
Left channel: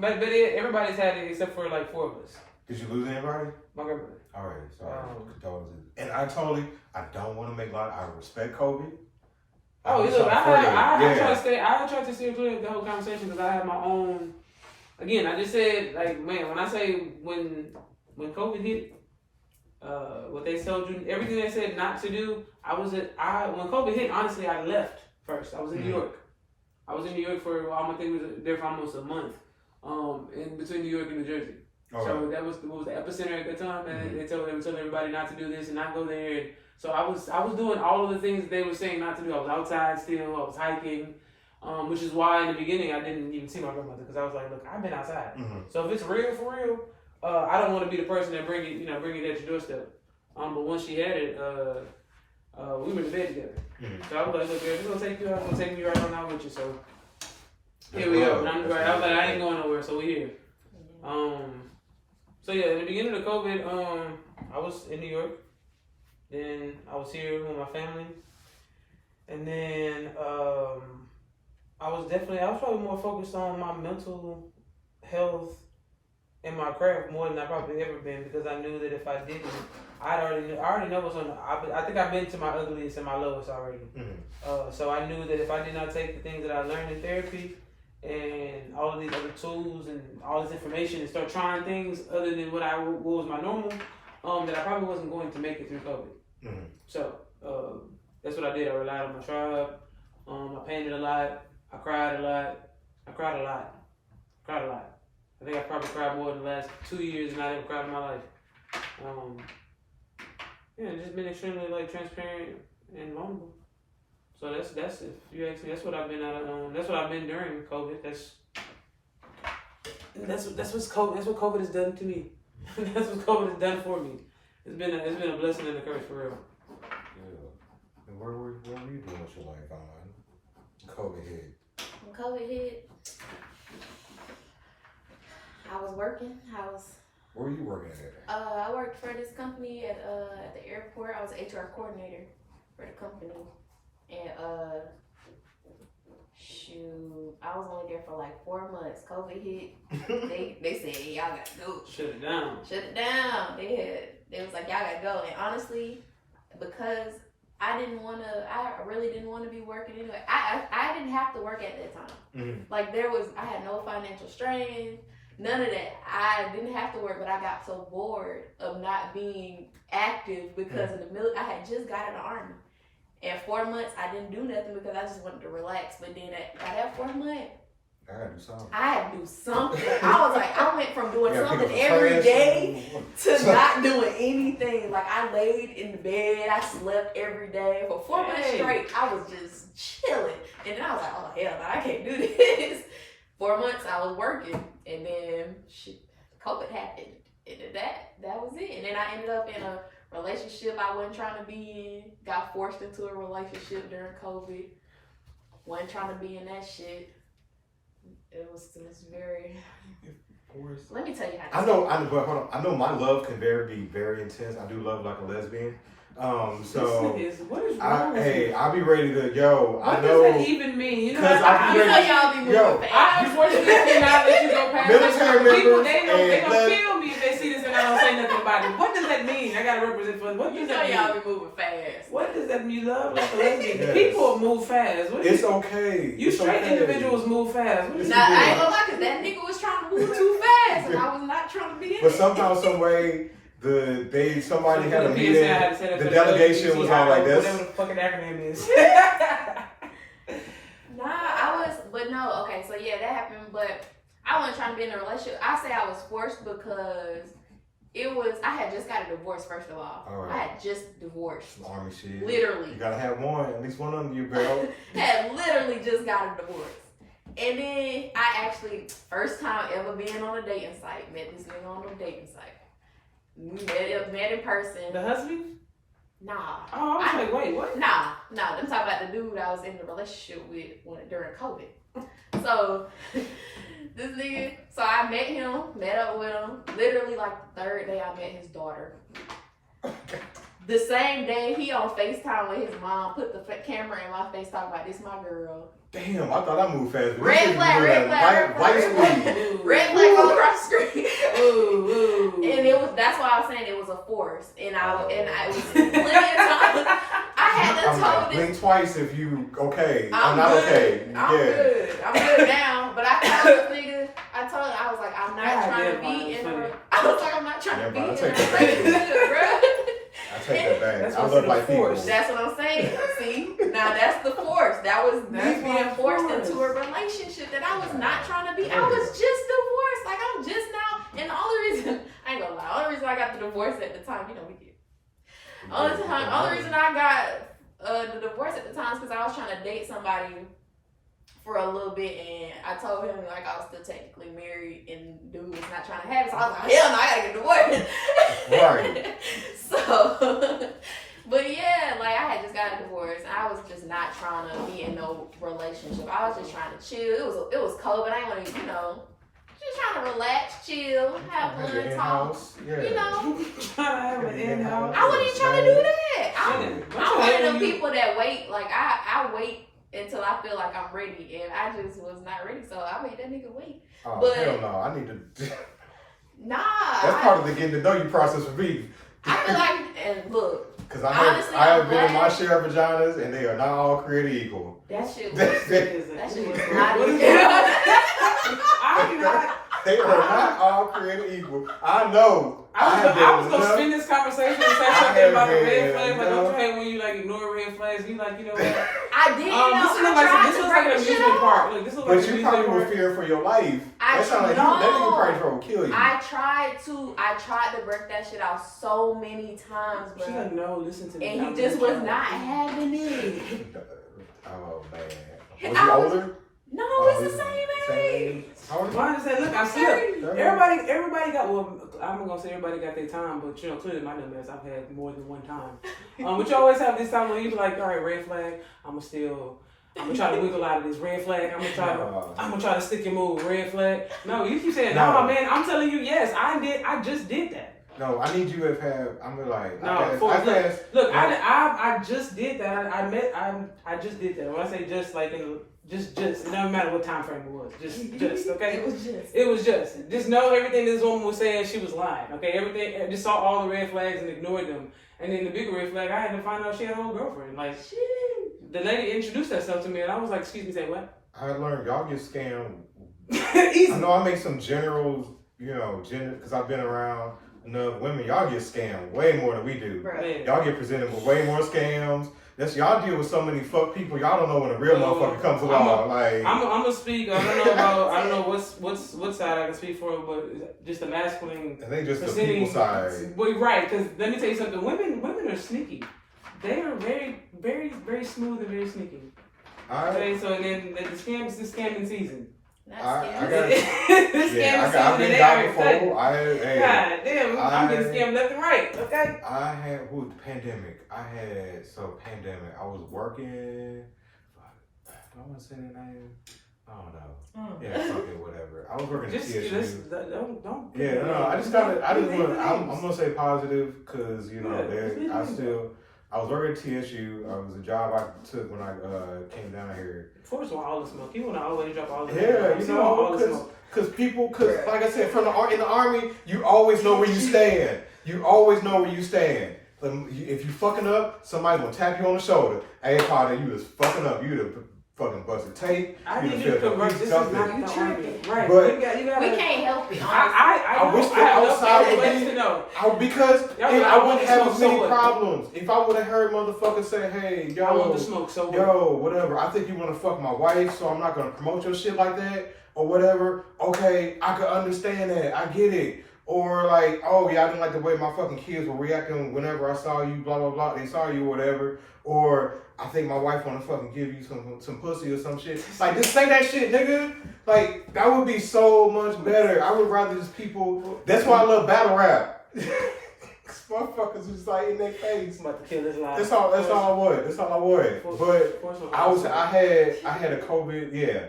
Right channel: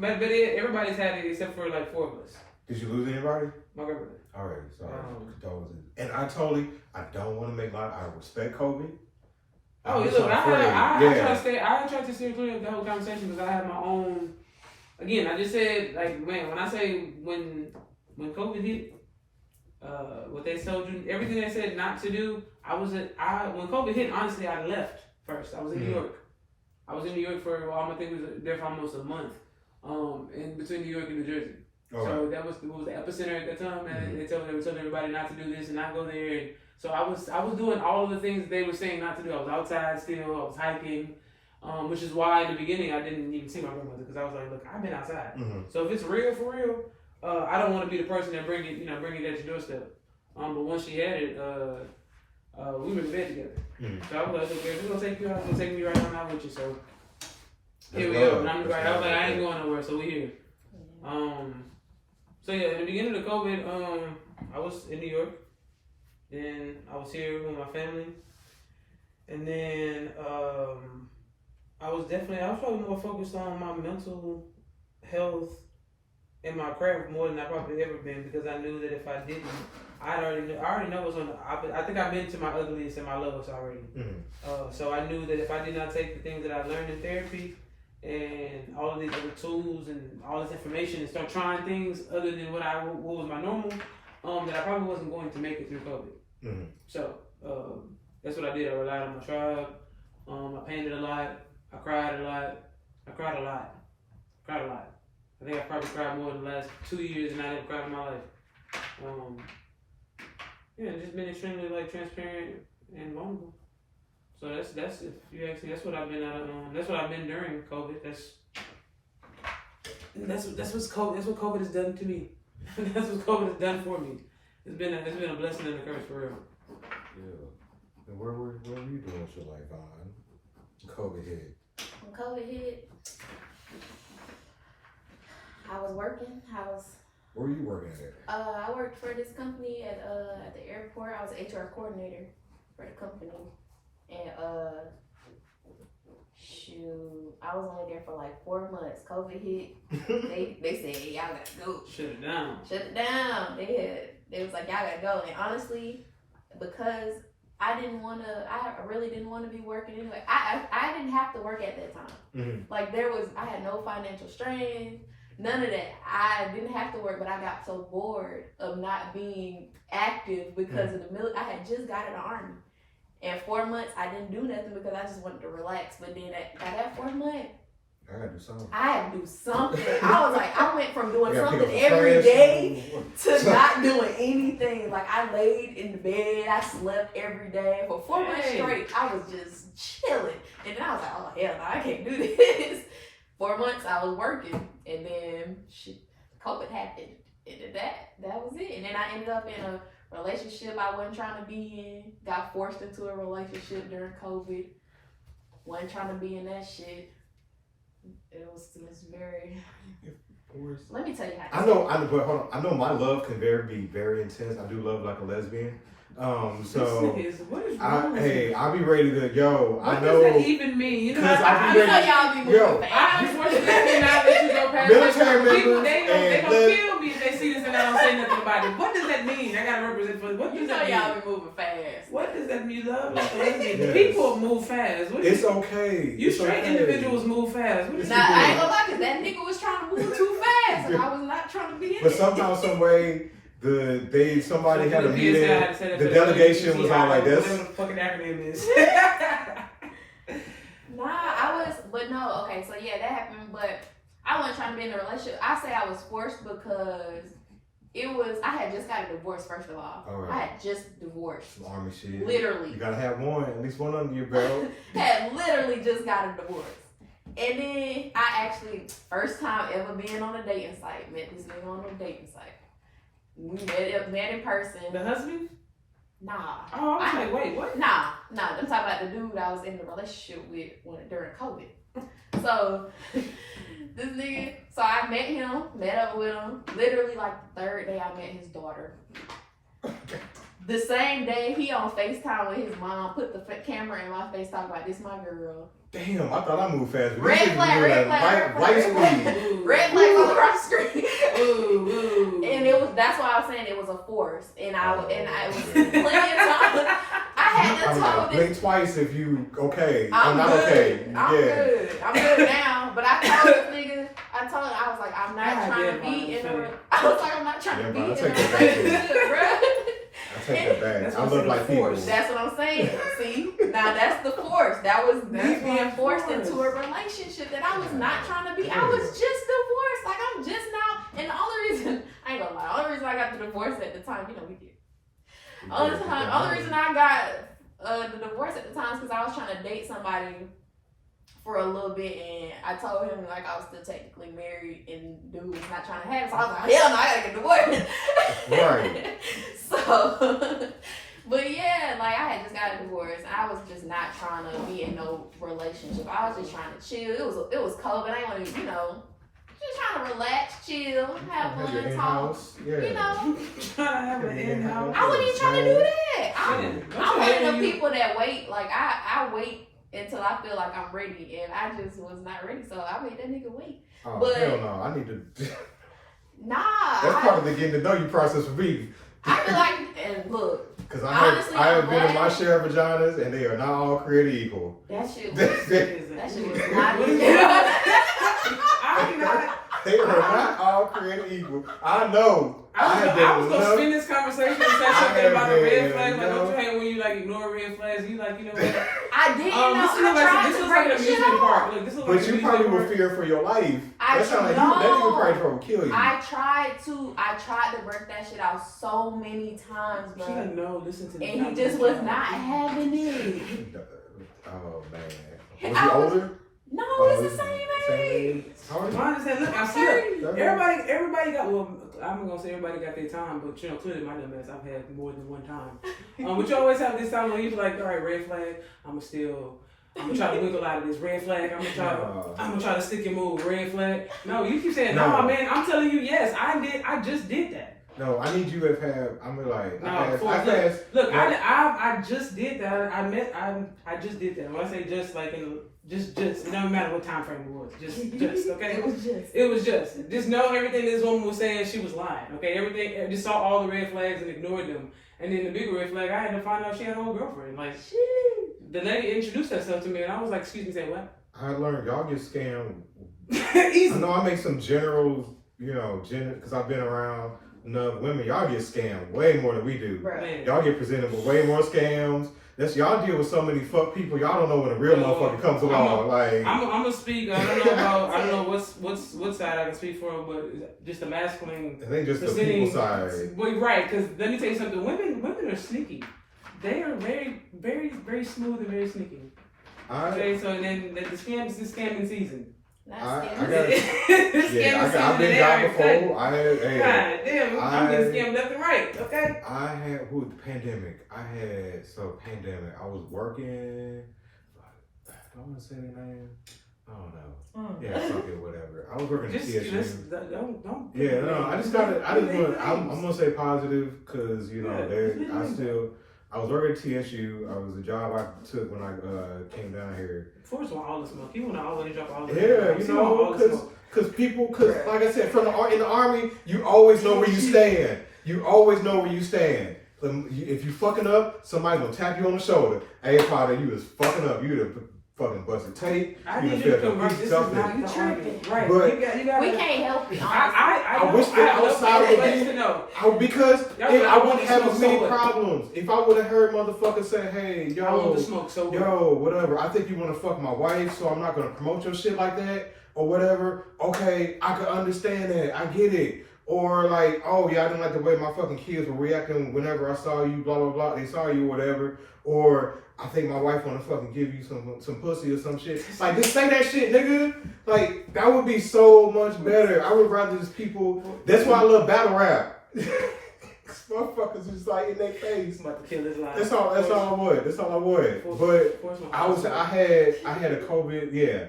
But everybody's had it except for like 4 of us. did you lose anybody? My grandmother. All right, sorry. Condolences. And I don't want to make light. I respect COVID. Oh, I'm look, not I tried to stay clear of the whole conversation because I had my own. Again, I just said, like, man, when I say when COVID hit, what they told you, everything they said not to do, when COVID hit, honestly, I left first. I was in New York. I was in New York for, I think was there for almost a month, in between New York and New Jersey. So that was the epicenter at the time, and they were telling everybody not to do this and not go there. And so I was doing all of the things that they were saying not to do. I was outside still. I was hiking. Which is why in the beginning I didn't even see my grandmother because I was like, look, I've been outside. So if it's real for real, I don't want to be the person that bring it at your doorstep. But once she had it, we were in bed together. So I was like, look, if we're gonna take you out, I'm gonna take you right now with you. So here we go. And I was like, I ain't going nowhere, so we here. So yeah, in the beginning of COVID, I was in New York. Then I was here with my family, and then I was probably more focused on my mental health and my craft more than I probably ever been because I knew that if I didn't, I already know what's on. I think I've been to my ugliest and my lowest already. So I knew that if I did not take the things that I learned in therapy and all of these other tools and all this information and start trying things other than what was my normal, that I probably wasn't going to make it through COVID. So that's what I did. I relied on my tribe. I painted a lot. I cried a lot. I think I probably cried more in the last 2 years than I ever cried in my life. Just been extremely transparent and vulnerable. So that's if you ask me, that's what I've been that's what I've been during COVID. That's what COVID has done to me. That's what COVID has done for me. It's been a blessing and a curse for real. Yeah. And where were you doing with your life on COVID hit? When COVID hit, I was working. Where were you working at? I worked for this company at the airport. I was an HR coordinator for the company, and I was only there for 4 months. COVID hit. They said, hey, y'all gotta go. Shut it down. They was like, y'all gotta go. And honestly, because I really didn't want to be working anyway. I didn't have to work at that time. I had no financial strain. None of that. I didn't have to work, but I got so bored of not being active because of the military. I had just got in the Army. And 4 months, I didn't do nothing because I just wanted to relax. But then at that 4 months, I had to do something. I was like, I went from doing something every day to not doing anything. I laid in the bed, I slept every day for 4 months straight. I was just chilling. And then I was like, oh hell no, I can't do this. 4 months I was working, and then COVID happened, and that was it. And then I ended up in a relationship I wasn't trying to be in. Got forced into a relationship during COVID. Wasn't trying to be in that shit. It was very. Let me tell you how. But hold on. I know my love can be very intense. I do love like a lesbian. What is wrong with you? I'll be ready to What does that even mean? You know, y'all be moving fast. I unfortunately not let you go past. Military members they gonna kill me if they see this and I don't say nothing about it. What does that mean? I gotta represent for what does that mean? Y'all be moving fast. What does that mean? Love like a lesbian. Yes. People move fast. It's okay. You straight individuals move fast. I ain't gonna lie, cause that nigga was trying to move too fast, and I was not trying to be in But somehow, some way. Somebody had a meeting. The delegation was all like this. Whatever the fucking acronym is. Okay, so yeah, that happened, but I wasn't trying to be in a relationship. I say I was forced because I had just got a divorce, first of all. Right. I had just divorced. Some Army shit. Literally. You gotta have at least one under your belt. Had literally just got a divorce. And then I actually, first time ever being on a dating site, met this nigga on a dating site. We met in person. The husband? Nah. Oh, I was like, wait, what? Nah. I'm talking about the dude I was in the relationship with during COVID. So, this nigga, so I met up with him. Literally, the third day I met his daughter. The same day, he on FaceTime with his mom, put the camera in my face, talking about, this my girl. Damn, I thought I moved fast. Red flag, light speed. Red flag all across the screen. Ooh. And that's why I was saying it was a force. And I was plenty of time. I had to tell blink twice if you okay. I'm not good. Okay. I'm good now. But I told this nigga, I was like, I'm not trying to be in a. I was like, I'm not trying to be in a relationship, bro. I take that back. I look like people. That's what I'm saying. See? Now that's the force. That was me being forced into a relationship that I was not trying to be. I was just divorced. I'm just now. And the only reason, I ain't gonna lie, the only reason I got the divorce at the time, we did. Only reason I got the divorce at the time is because I was trying to date somebody for a little bit, and I told him like I was still technically married, and dude was not trying to have it. So I was like, hell no, I gotta get divorced. Right. So, but yeah, like I had just got a divorce. I was just not trying to be in no relationship. I was just trying to chill. It was COVID. I ain't want to, just trying to relax, chill, have fun, talk. In-house. Yeah. You know, Trying to have an in-house. I wasn't even trying to do that. Yeah. I'm one of the people that wait. Like I wait until I feel like I'm ready, and I just was not ready. So I made that nigga wait. Oh, But- hell no. I need to. Nah. That's part of the getting to know you process for me. I feel like, and look, Because I honestly, have I'm been in my glad- share of vaginas, and they are not all created equal. that shit was, They that shit was not What is even. I'm not. are not all created equal. I know. I was gonna enough- spin this conversation and say I something have about the red been flags. Like, don't enough- you hate when you like ignore red flags? You like, you know what? I didn't know. This I looks tried like to an break the shit amusement off. park. Look, this looks like But an you probably amusement were park. fearing for your life. I That sound like know. that nigga probably trying to kill you. I tried to break that shit out so many times, She's bro. like, no, listen to me. And he just was not having it. Oh man. Was he older? No, Oh, it's the same age. How old is he? I understand. Look, I'm still. 30. Everybody got. Well, I'm gonna say everybody got their time, but clearly my dumb ass, I've had more than one time. But you always have this time when you be like, all right, red flag. I'm gonna try to wiggle out of this red flag. I'm gonna try to stick and move. Red flag. No, you keep saying no, man. I'm telling you, yes, I just did that. No, I need you to have. I'm like. Look, I just did that. I just did that. When I say just, like just, it doesn't matter what time frame it was. Just, okay. It was just. Just know everything this woman was saying. She was lying. Okay, everything. Just saw all the red flags and ignored them. And then the bigger red flag, I had to find out she had a whole girlfriend. Like, the lady introduced herself to me, and I was like, "Excuse me, say what?" I learned y'all get scammed. Easy. I know I make some generals, because I've been around enough women. Y'all get scammed way more than we do. Right. Y'all get presented with way more scams. Y'all deal with so many fuck people. Y'all don't know when a real motherfucker comes along. I'm gonna speak. I don't know what side I can speak for, but just the masculine. I think just the people side. Well, right, because let me tell you something. Women are sneaky. They are very, very, very smooth and very sneaky. Okay, so then the scamming season. I've been down before. God damn, I'm getting scammed left and right. Okay. I had pandemic. Pandemic. I was working. Do I want to say the name? I don't know. Yeah, fuck it, whatever. I was working at TSU. Don't. Yeah, no, I just got it. I'm gonna say positive because I was working at TSU. I was a job I took when I came down here. First of all the smoke. You want to always drop all the smoke. Yeah, because like I said, in the army, you always know where you stand. You always know where you stand. If you fucking up, somebody gonna tap you on the shoulder. Hey, Potter, you was fucking up. You the fucking busted tape. I need you to convert. This is not the army, right? But you gotta, we can't help it. I wish that outside would be because I wouldn't have as many problems. If I would have heard motherfuckers say, "Hey, yo, whatever. I think you want to fuck my wife, so I'm not gonna promote your shit like that or whatever." Okay, I could understand that. I get it. Or like, oh yeah, I didn't like the way my fucking kids were reacting whenever I saw you, blah blah blah. They saw you, or whatever. Or I think my wife wanna fucking give you some pussy or some shit. Like, just say that shit, nigga. Like, that would be so much better. I would rather just people. That's why I love battle rap. Cause motherfuckers was like in their face. That's all I would. But I had a COVID. Yeah,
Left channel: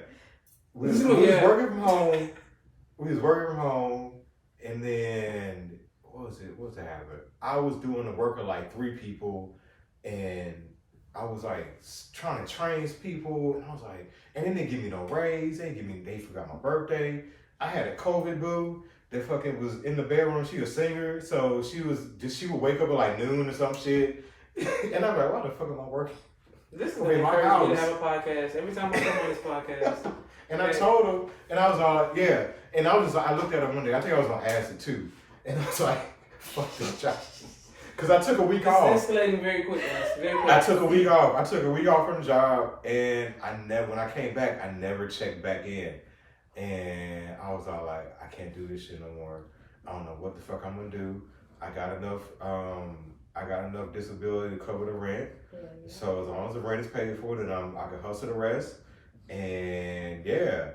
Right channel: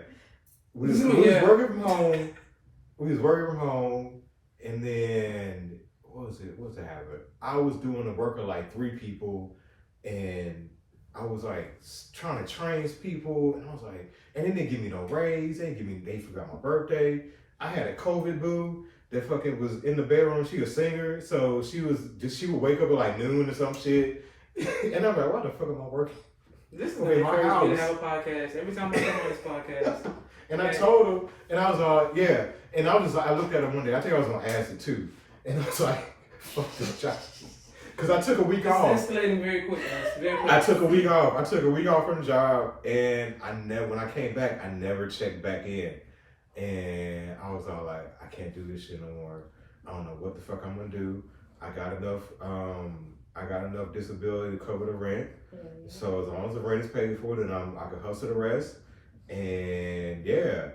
we was working from home. And then, what was it happening? I was doing the work of like 3 people, and I was like trying to train people, and I was like, and then they give me no raise, they forgot my birthday. I had a COVID boo that fucking was in the bedroom. She a singer, so she would wake up at like noon or some shit, and I'm like, why the fuck am I working? This is in my house. To have a podcast. Every time I come on this podcast. And I told him, and I was like, yeah. And I looked at her one day. I think I was on acid too. And I was like, fuck this job. Because I took a week off. It's escalating very quick, I took a week off. From the job. And when I came back, I never checked back in. And I was all like, I can't do this shit no more. I don't know what the fuck I'm going to do. I got enough disability to cover the rent. So as long as the rent is paid for, then I can hustle the rest. And yeah,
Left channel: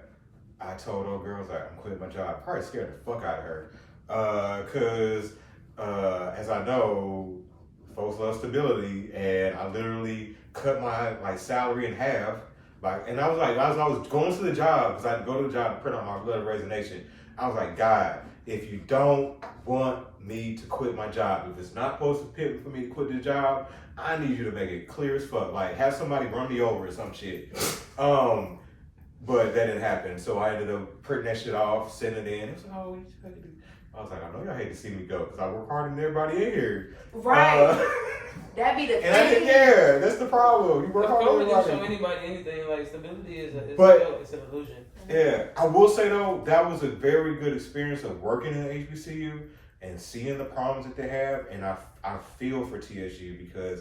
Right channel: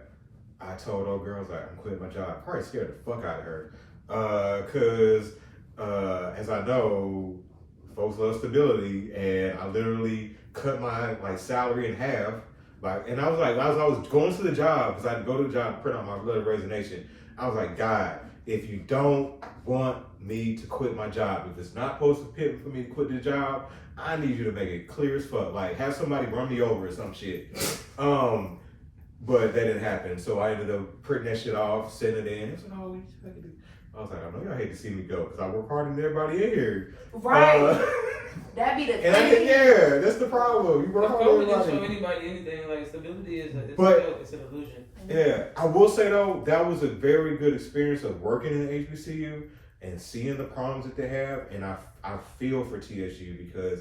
I told old girls like I'm quitting my job. Probably scared the fuck out of her. Cause as I know, folks love stability, and I literally cut my like salary in half. Like, and I was like, as I was going to the job, because I had to go to the job to print out my letter of resignation. I was like, God, if you don't want me to quit my job, if it's not supposed to pay for me to quit the job, I need you to make it clear as fuck. Like, have somebody run me over or some shit. But that didn't happen. So I ended up printing that shit off, sending it in. It was like, oh, I was like, I know y'all hate to see me go because I work harder than everybody in here. Right. That'd be the thing. And yeah, that's the problem. You work harder than everybody. everybody. Show anybody anything. Like, stability is it's an illusion. Yeah, I will say though, that was a very good experience of working in HBCU and seeing the problems that they have. And I feel for TSU because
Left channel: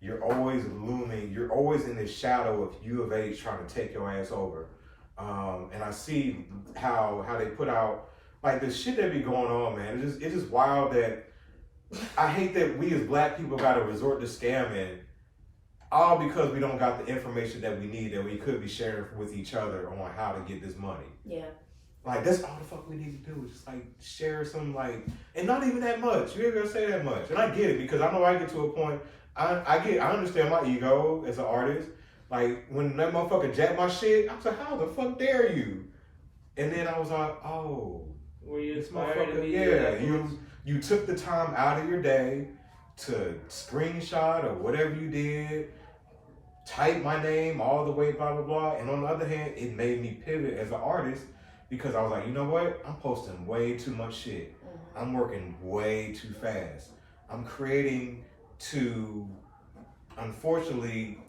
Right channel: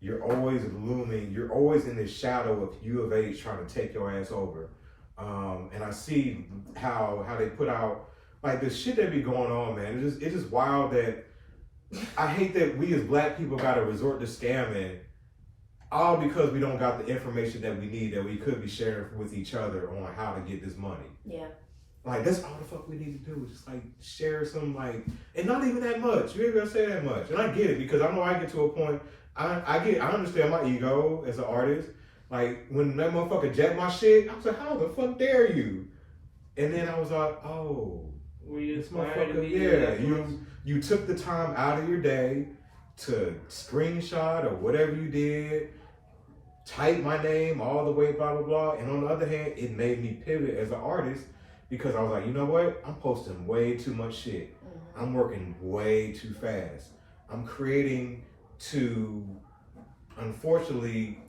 you're always looming, you're always in the shadow of U of H trying to take your ass over. And I see how they put out, like the shit that be going on, man. It's just wild that I hate that we as black people got to resort to scamming all because we don't got the information that we need that we could be sharing with each other on how to get this money. Yeah. Like, that's all the fuck we need to do is just, like, share some, like, and not even that much. You ain't gonna say that much. And I get it because I know I get to a point, I understand my ego as an artist. Like, when that motherfucker jacked my shit, I was like, how the fuck dare you? And then I was like, oh, this motherfucker, yeah, you took the time out of your day to screenshot or whatever you did, type my name all the way, blah, blah, blah. And on the other hand, it made me pivot as an artist because I was like, you know what? I'm posting way too much shit. I'm working way too fast. I'm creating to, unfortunately,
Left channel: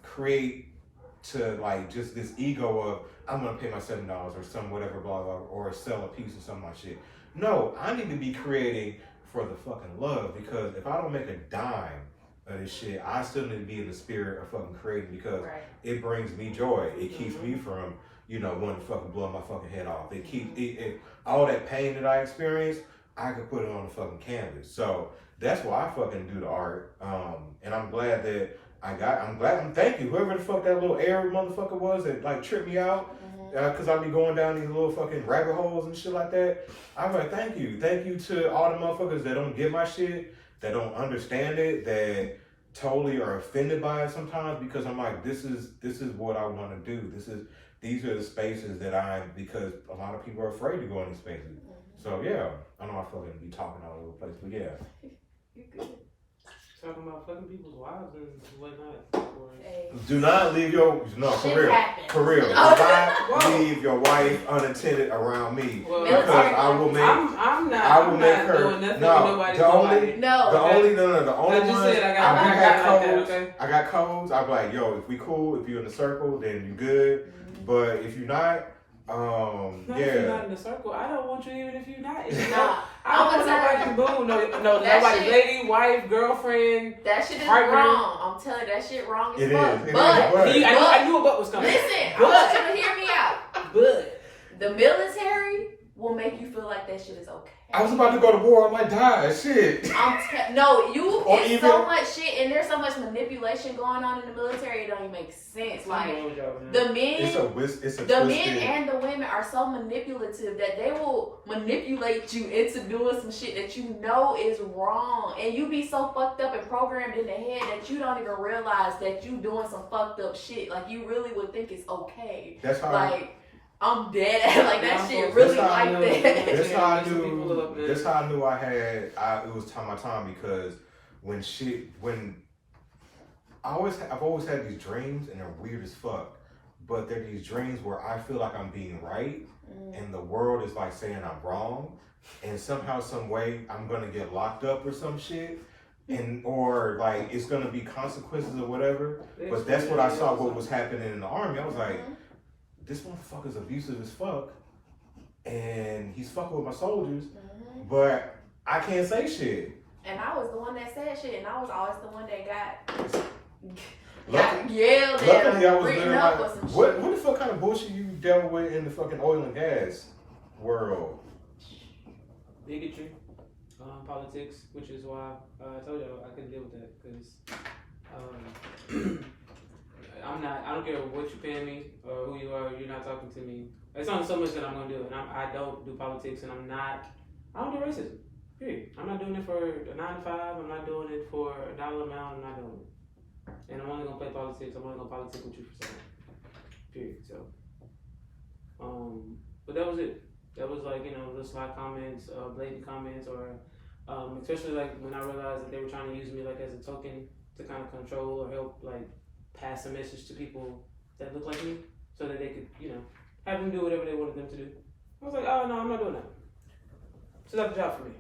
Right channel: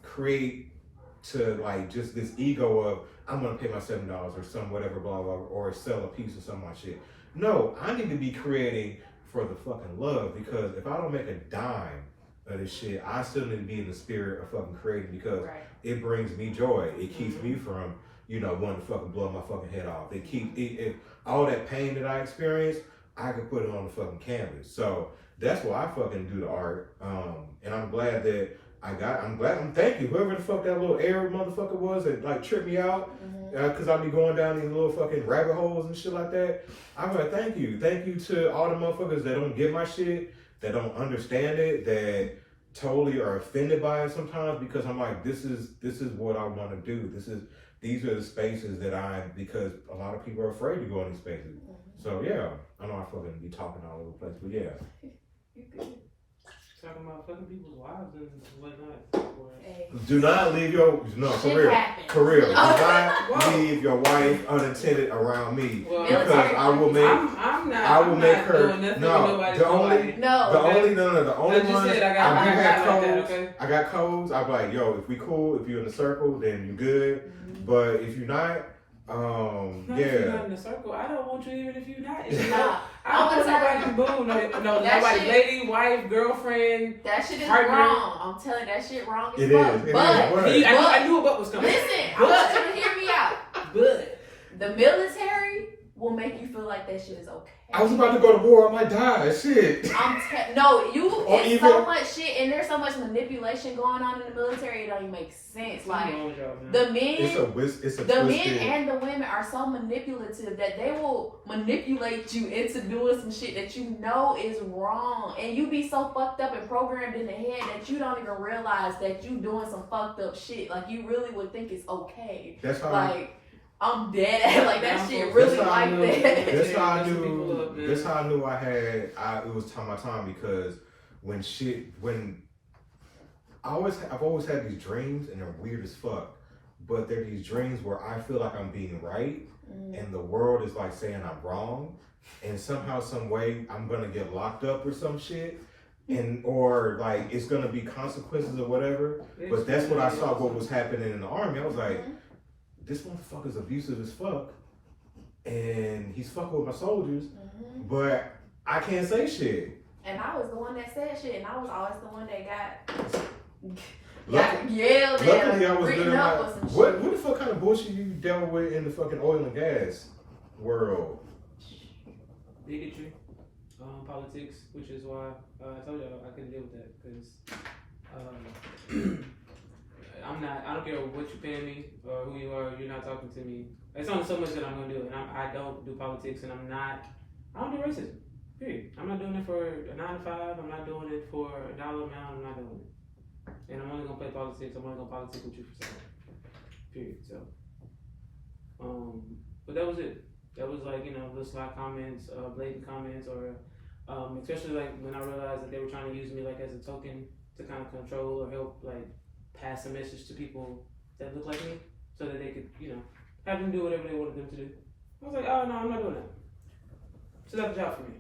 like just this ego of, I'm gonna pay my $7 or some whatever, blah, blah, or sell a piece of some of my shit. No, I need to be creating for the fucking love because if I don't make a dime of this shit, I still need to be in the spirit of fucking creating because it brings me joy. It keeps me from, wanting to fucking blow my fucking head off. It keeps all that pain that I experience, I could put it on the fucking canvas. So that's why I fucking do the art. And I'm glad that thank you, whoever the fuck that little Arab motherfucker was that like tripped me out, cause I be going down these little fucking rabbit holes and shit like that. I'm like, thank you to all the motherfuckers that don't get my shit, that don't understand it, that totally are offended by it sometimes because I'm like, this is what I want to do. These are the spaces that because a lot of people are afraid to go in these spaces. So yeah, I know I fucking be talking all over the place, but yeah. You're good. Talking about fucking people's wives and whatnot. Hey. Do not leave for real. Do not leave your wife unattended around me because I will make. I will make her. The only one. I got codes. I'm like, yo, if we cool, if you in the circle, then you good. But if you're not, If you're not in the circle, I don't want you even if you're not. I don't want nobody boo. No, nobody, lady, wife, girlfriend. That shit is partner. wrong. I'm telling you, that shit wrong as It fuck. is. I knew what was coming. Listen, I want you to hear me out. But the military will make you feel like that shit is okay. I was about to go to war. I might die. Shit. It's so much shit, and there's so much manipulation going on in the military. It don't even make sense. Like the men and the women are so manipulative that they will manipulate you into doing some shit that you know is wrong, and you be so fucked up and programmed in the head that you don't even realize that you doing some fucked up shit. Like you really would think it's okay. That's how. I'm dead. Like that shit really like that. That's how I knew. That's how I knew it was my time because I've always had these dreams and they're weird as fuck, but they're these dreams where I feel like I'm being right and the world is like saying I'm wrong, and somehow, some way, I'm gonna get locked up or some shit. Or like it's gonna be consequences or whatever. But that's what I saw. What was happening in the army? I was like, this motherfucker's abusive as fuck, and he's fucking with my soldiers, but I can't say shit. And I was the one that said shit, and I was always the one that got yelled at. Luckily, I was good at my. What the fuck kind of bullshit you dealt with in the fucking oil and gas world? Bigotry, politics, which is why I told y'all I couldn't deal with that because. I don't care what you're paying me or who you are. You're not talking to me. It's only so much that I'm gonna do, and I don't do politics, and I don't do racism. Period. I'm not doing it for a 9 to 5. I'm not doing it for a dollar amount. I'm not doing it. And I'm only gonna play politics. I'm only gonna politic with you for something. Period. So, but that was it. That was like, you know, little sly comments, blatant comments, or especially like when I realized that they were trying to use me like as a token to kind of control or help like pass a message to people that look like me, so that they could, you know, have them do whatever they wanted them to do. I was like, oh no, I'm not doing that. So that's a job for me.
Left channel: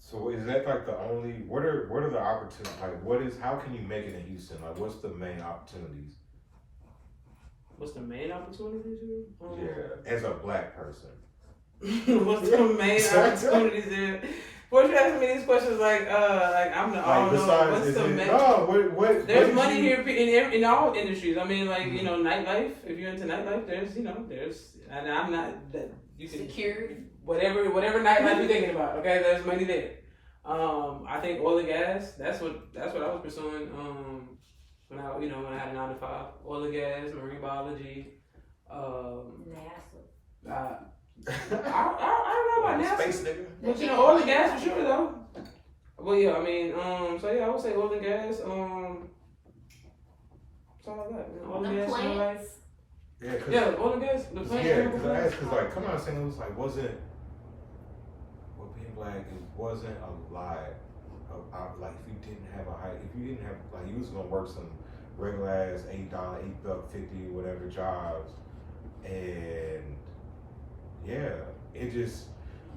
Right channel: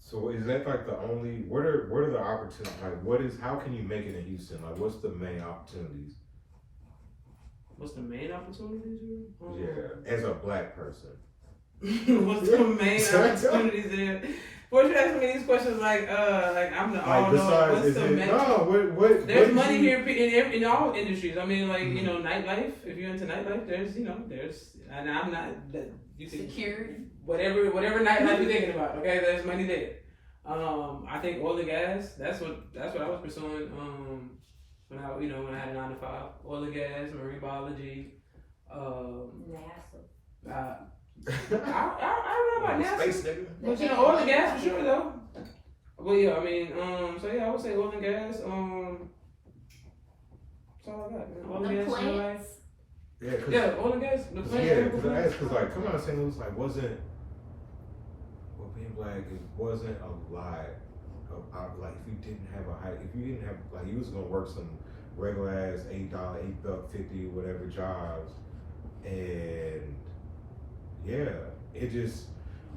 So is that like the only? What are the opportunities? Like, how can you make it in Houston? Like, what's the main opportunities? What's the main opportunities here? Yeah, as a black person. What's the main opportunities here? What you asking me these questions like I'm the all knowing. What's the main? What? There's money here in all industries. I mean, like, you know, nightlife. If you're into nightlife, and I'm not you can, security. Whatever nightlife you're thinking about. Okay, there's money there. I think oil and gas. That's what I was pursuing. When I had a 9 to 5, oil and gas, marine biology. NASA. I don't know about NASA. Space nigga. But you know, oil and gas for sure though. But yeah, I mean, so yeah, I would say oil and gas. That's all I got. Oil and gas. Plants. Yeah, oil and gas. The plants. Yeah, because I asked, because like, come on, St. Louis, like, wasn't, well, being black, it wasn't a lot of, like, if you didn't have like, you was gonna work some regular ass $8.50, whatever jobs, and yeah, it just,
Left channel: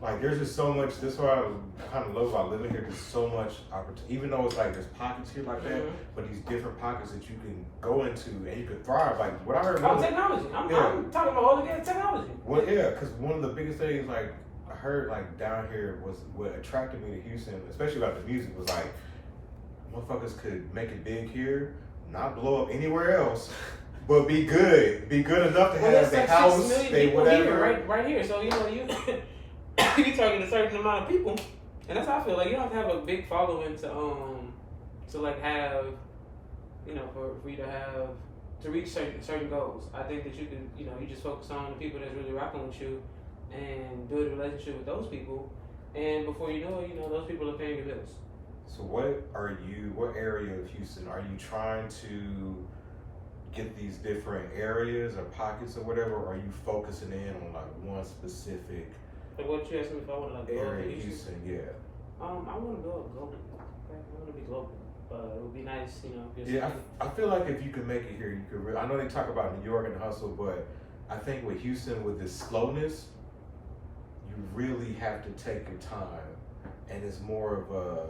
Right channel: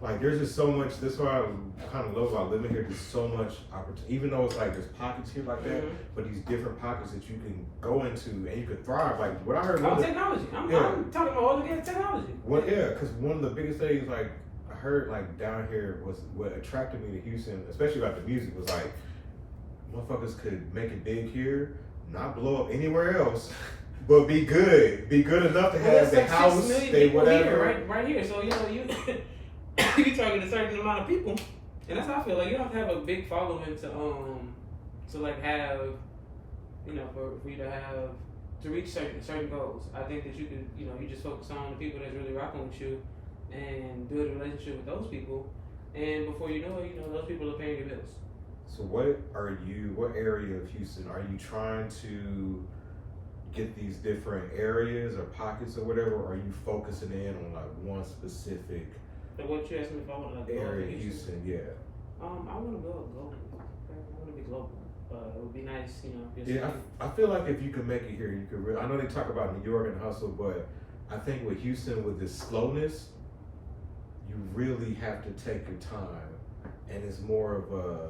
like, there's just so much. That's what I kind of love about living here. There's so much opportunity, even though it's like there's pockets here like that, but these different pockets that you can go into and you can thrive. Like what I heard. Technology. I'm talking about all the technology. Well, yeah, because one of the biggest things, like I heard, like down here was what attracted me to Houston, especially about the music, was like motherfuckers could make it big here, not blow up anywhere else. But be good enough to have the house, they whatever. Here, right here. So you know you target a certain amount of people, and that's how I feel. Like you don't have to have a big following to like have, you know, for you to have to reach certain goals. I think that you can, you know, you just focus on the people that's really rocking with you, and build a relationship with those people, and before you know it, you know, those people are paying your bills. So what area of Houston are you trying to get these different areas or pockets or whatever, or are you focusing in on like one specific What you asked me if I want to like area in Houston? Yeah. I want to go global. Okay? I want to be global. It would be nice, you know. Yeah, I feel like if you could make it here, you could really. I know they talk about New York and hustle, but I think with Houston, with this slowness, you really have to take your time, and it's more of a.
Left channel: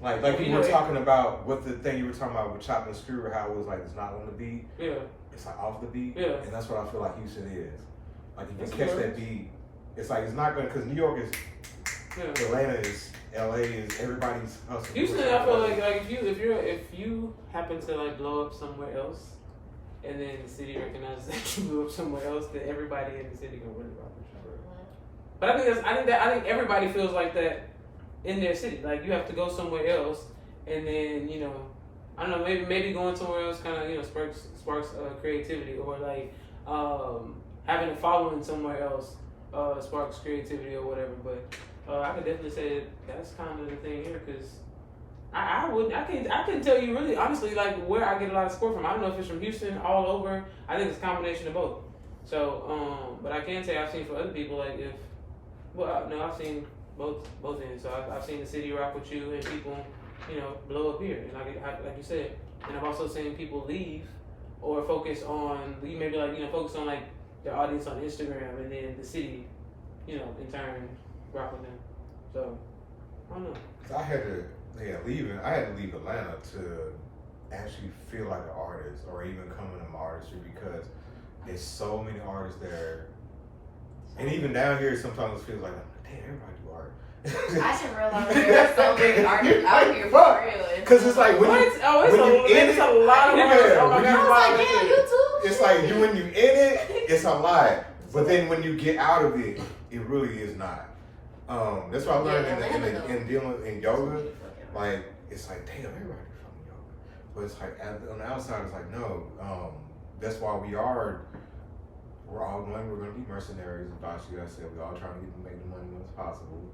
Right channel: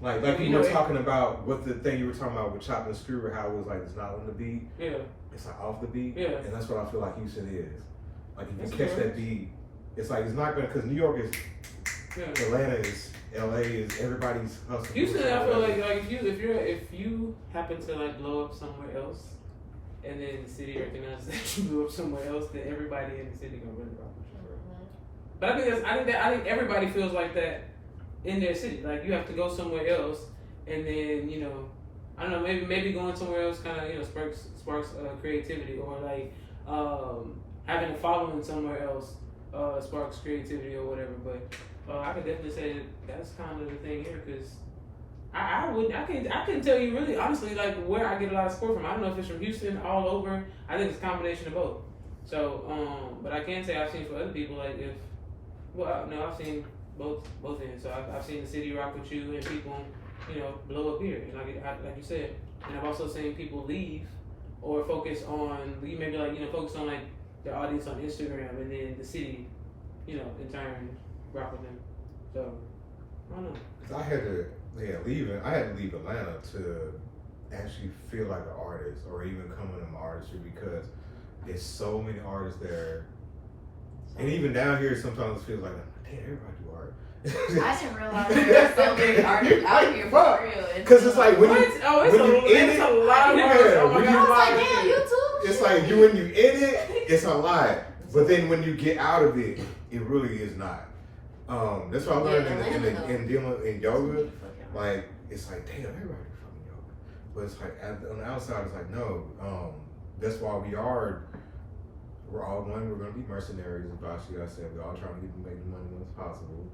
Like you were talking about what the thing you were talking about with Chopped and Screw, how it was like it's not on the beat. Yeah. It's like off the beat. Yeah. And that's what I feel like Houston is. Like if you catch that beat, it's like it's not gonna, because New York is, Atlanta is, LA is, everybody's hustling. Houston, I feel like if you happen to like blow up somewhere else, and then the city recognizes that you blew up somewhere else, then everybody in the city gonna really rock with you. But I think everybody feels like that in their city. Like you have to go somewhere else, and then, you know, I don't know, maybe going somewhere else kind of, you know, sparks creativity, or like having a following somewhere else sparks creativity or whatever. But I could definitely say that's kind of the thing here, because I couldn't tell you really honestly like where I get a lot of support from. I don't know if it's from Houston, all over. I think it's a combination of both. So but I can say I've seen for other people, like I've seen both ends. So I've seen the city rock with you and people, you know, blow up here. And like you said, and I've also seen people leave or focus on like their audience on Instagram, and then the city, you know, in turn rock with them. So I don't know. I had to leave Atlanta to actually feel like an artist, or even come into my artistry, because there's so many artists there. And even down here, sometimes it feels like, damn, everybody do art. I didn't realize there were so many artists out here for real. Because it's like when you in it, a lot of it's like when you in it, it's a lot. But then when you get out of it, it really is not. That's what I learned in dealing in yoga. Like it's like, damn, everybody do fucking yoga. but it's like on the outside, it's like no. That's why we're all going. We're going to be mercenaries, as Bashi said. We're all trying to make the money as possible.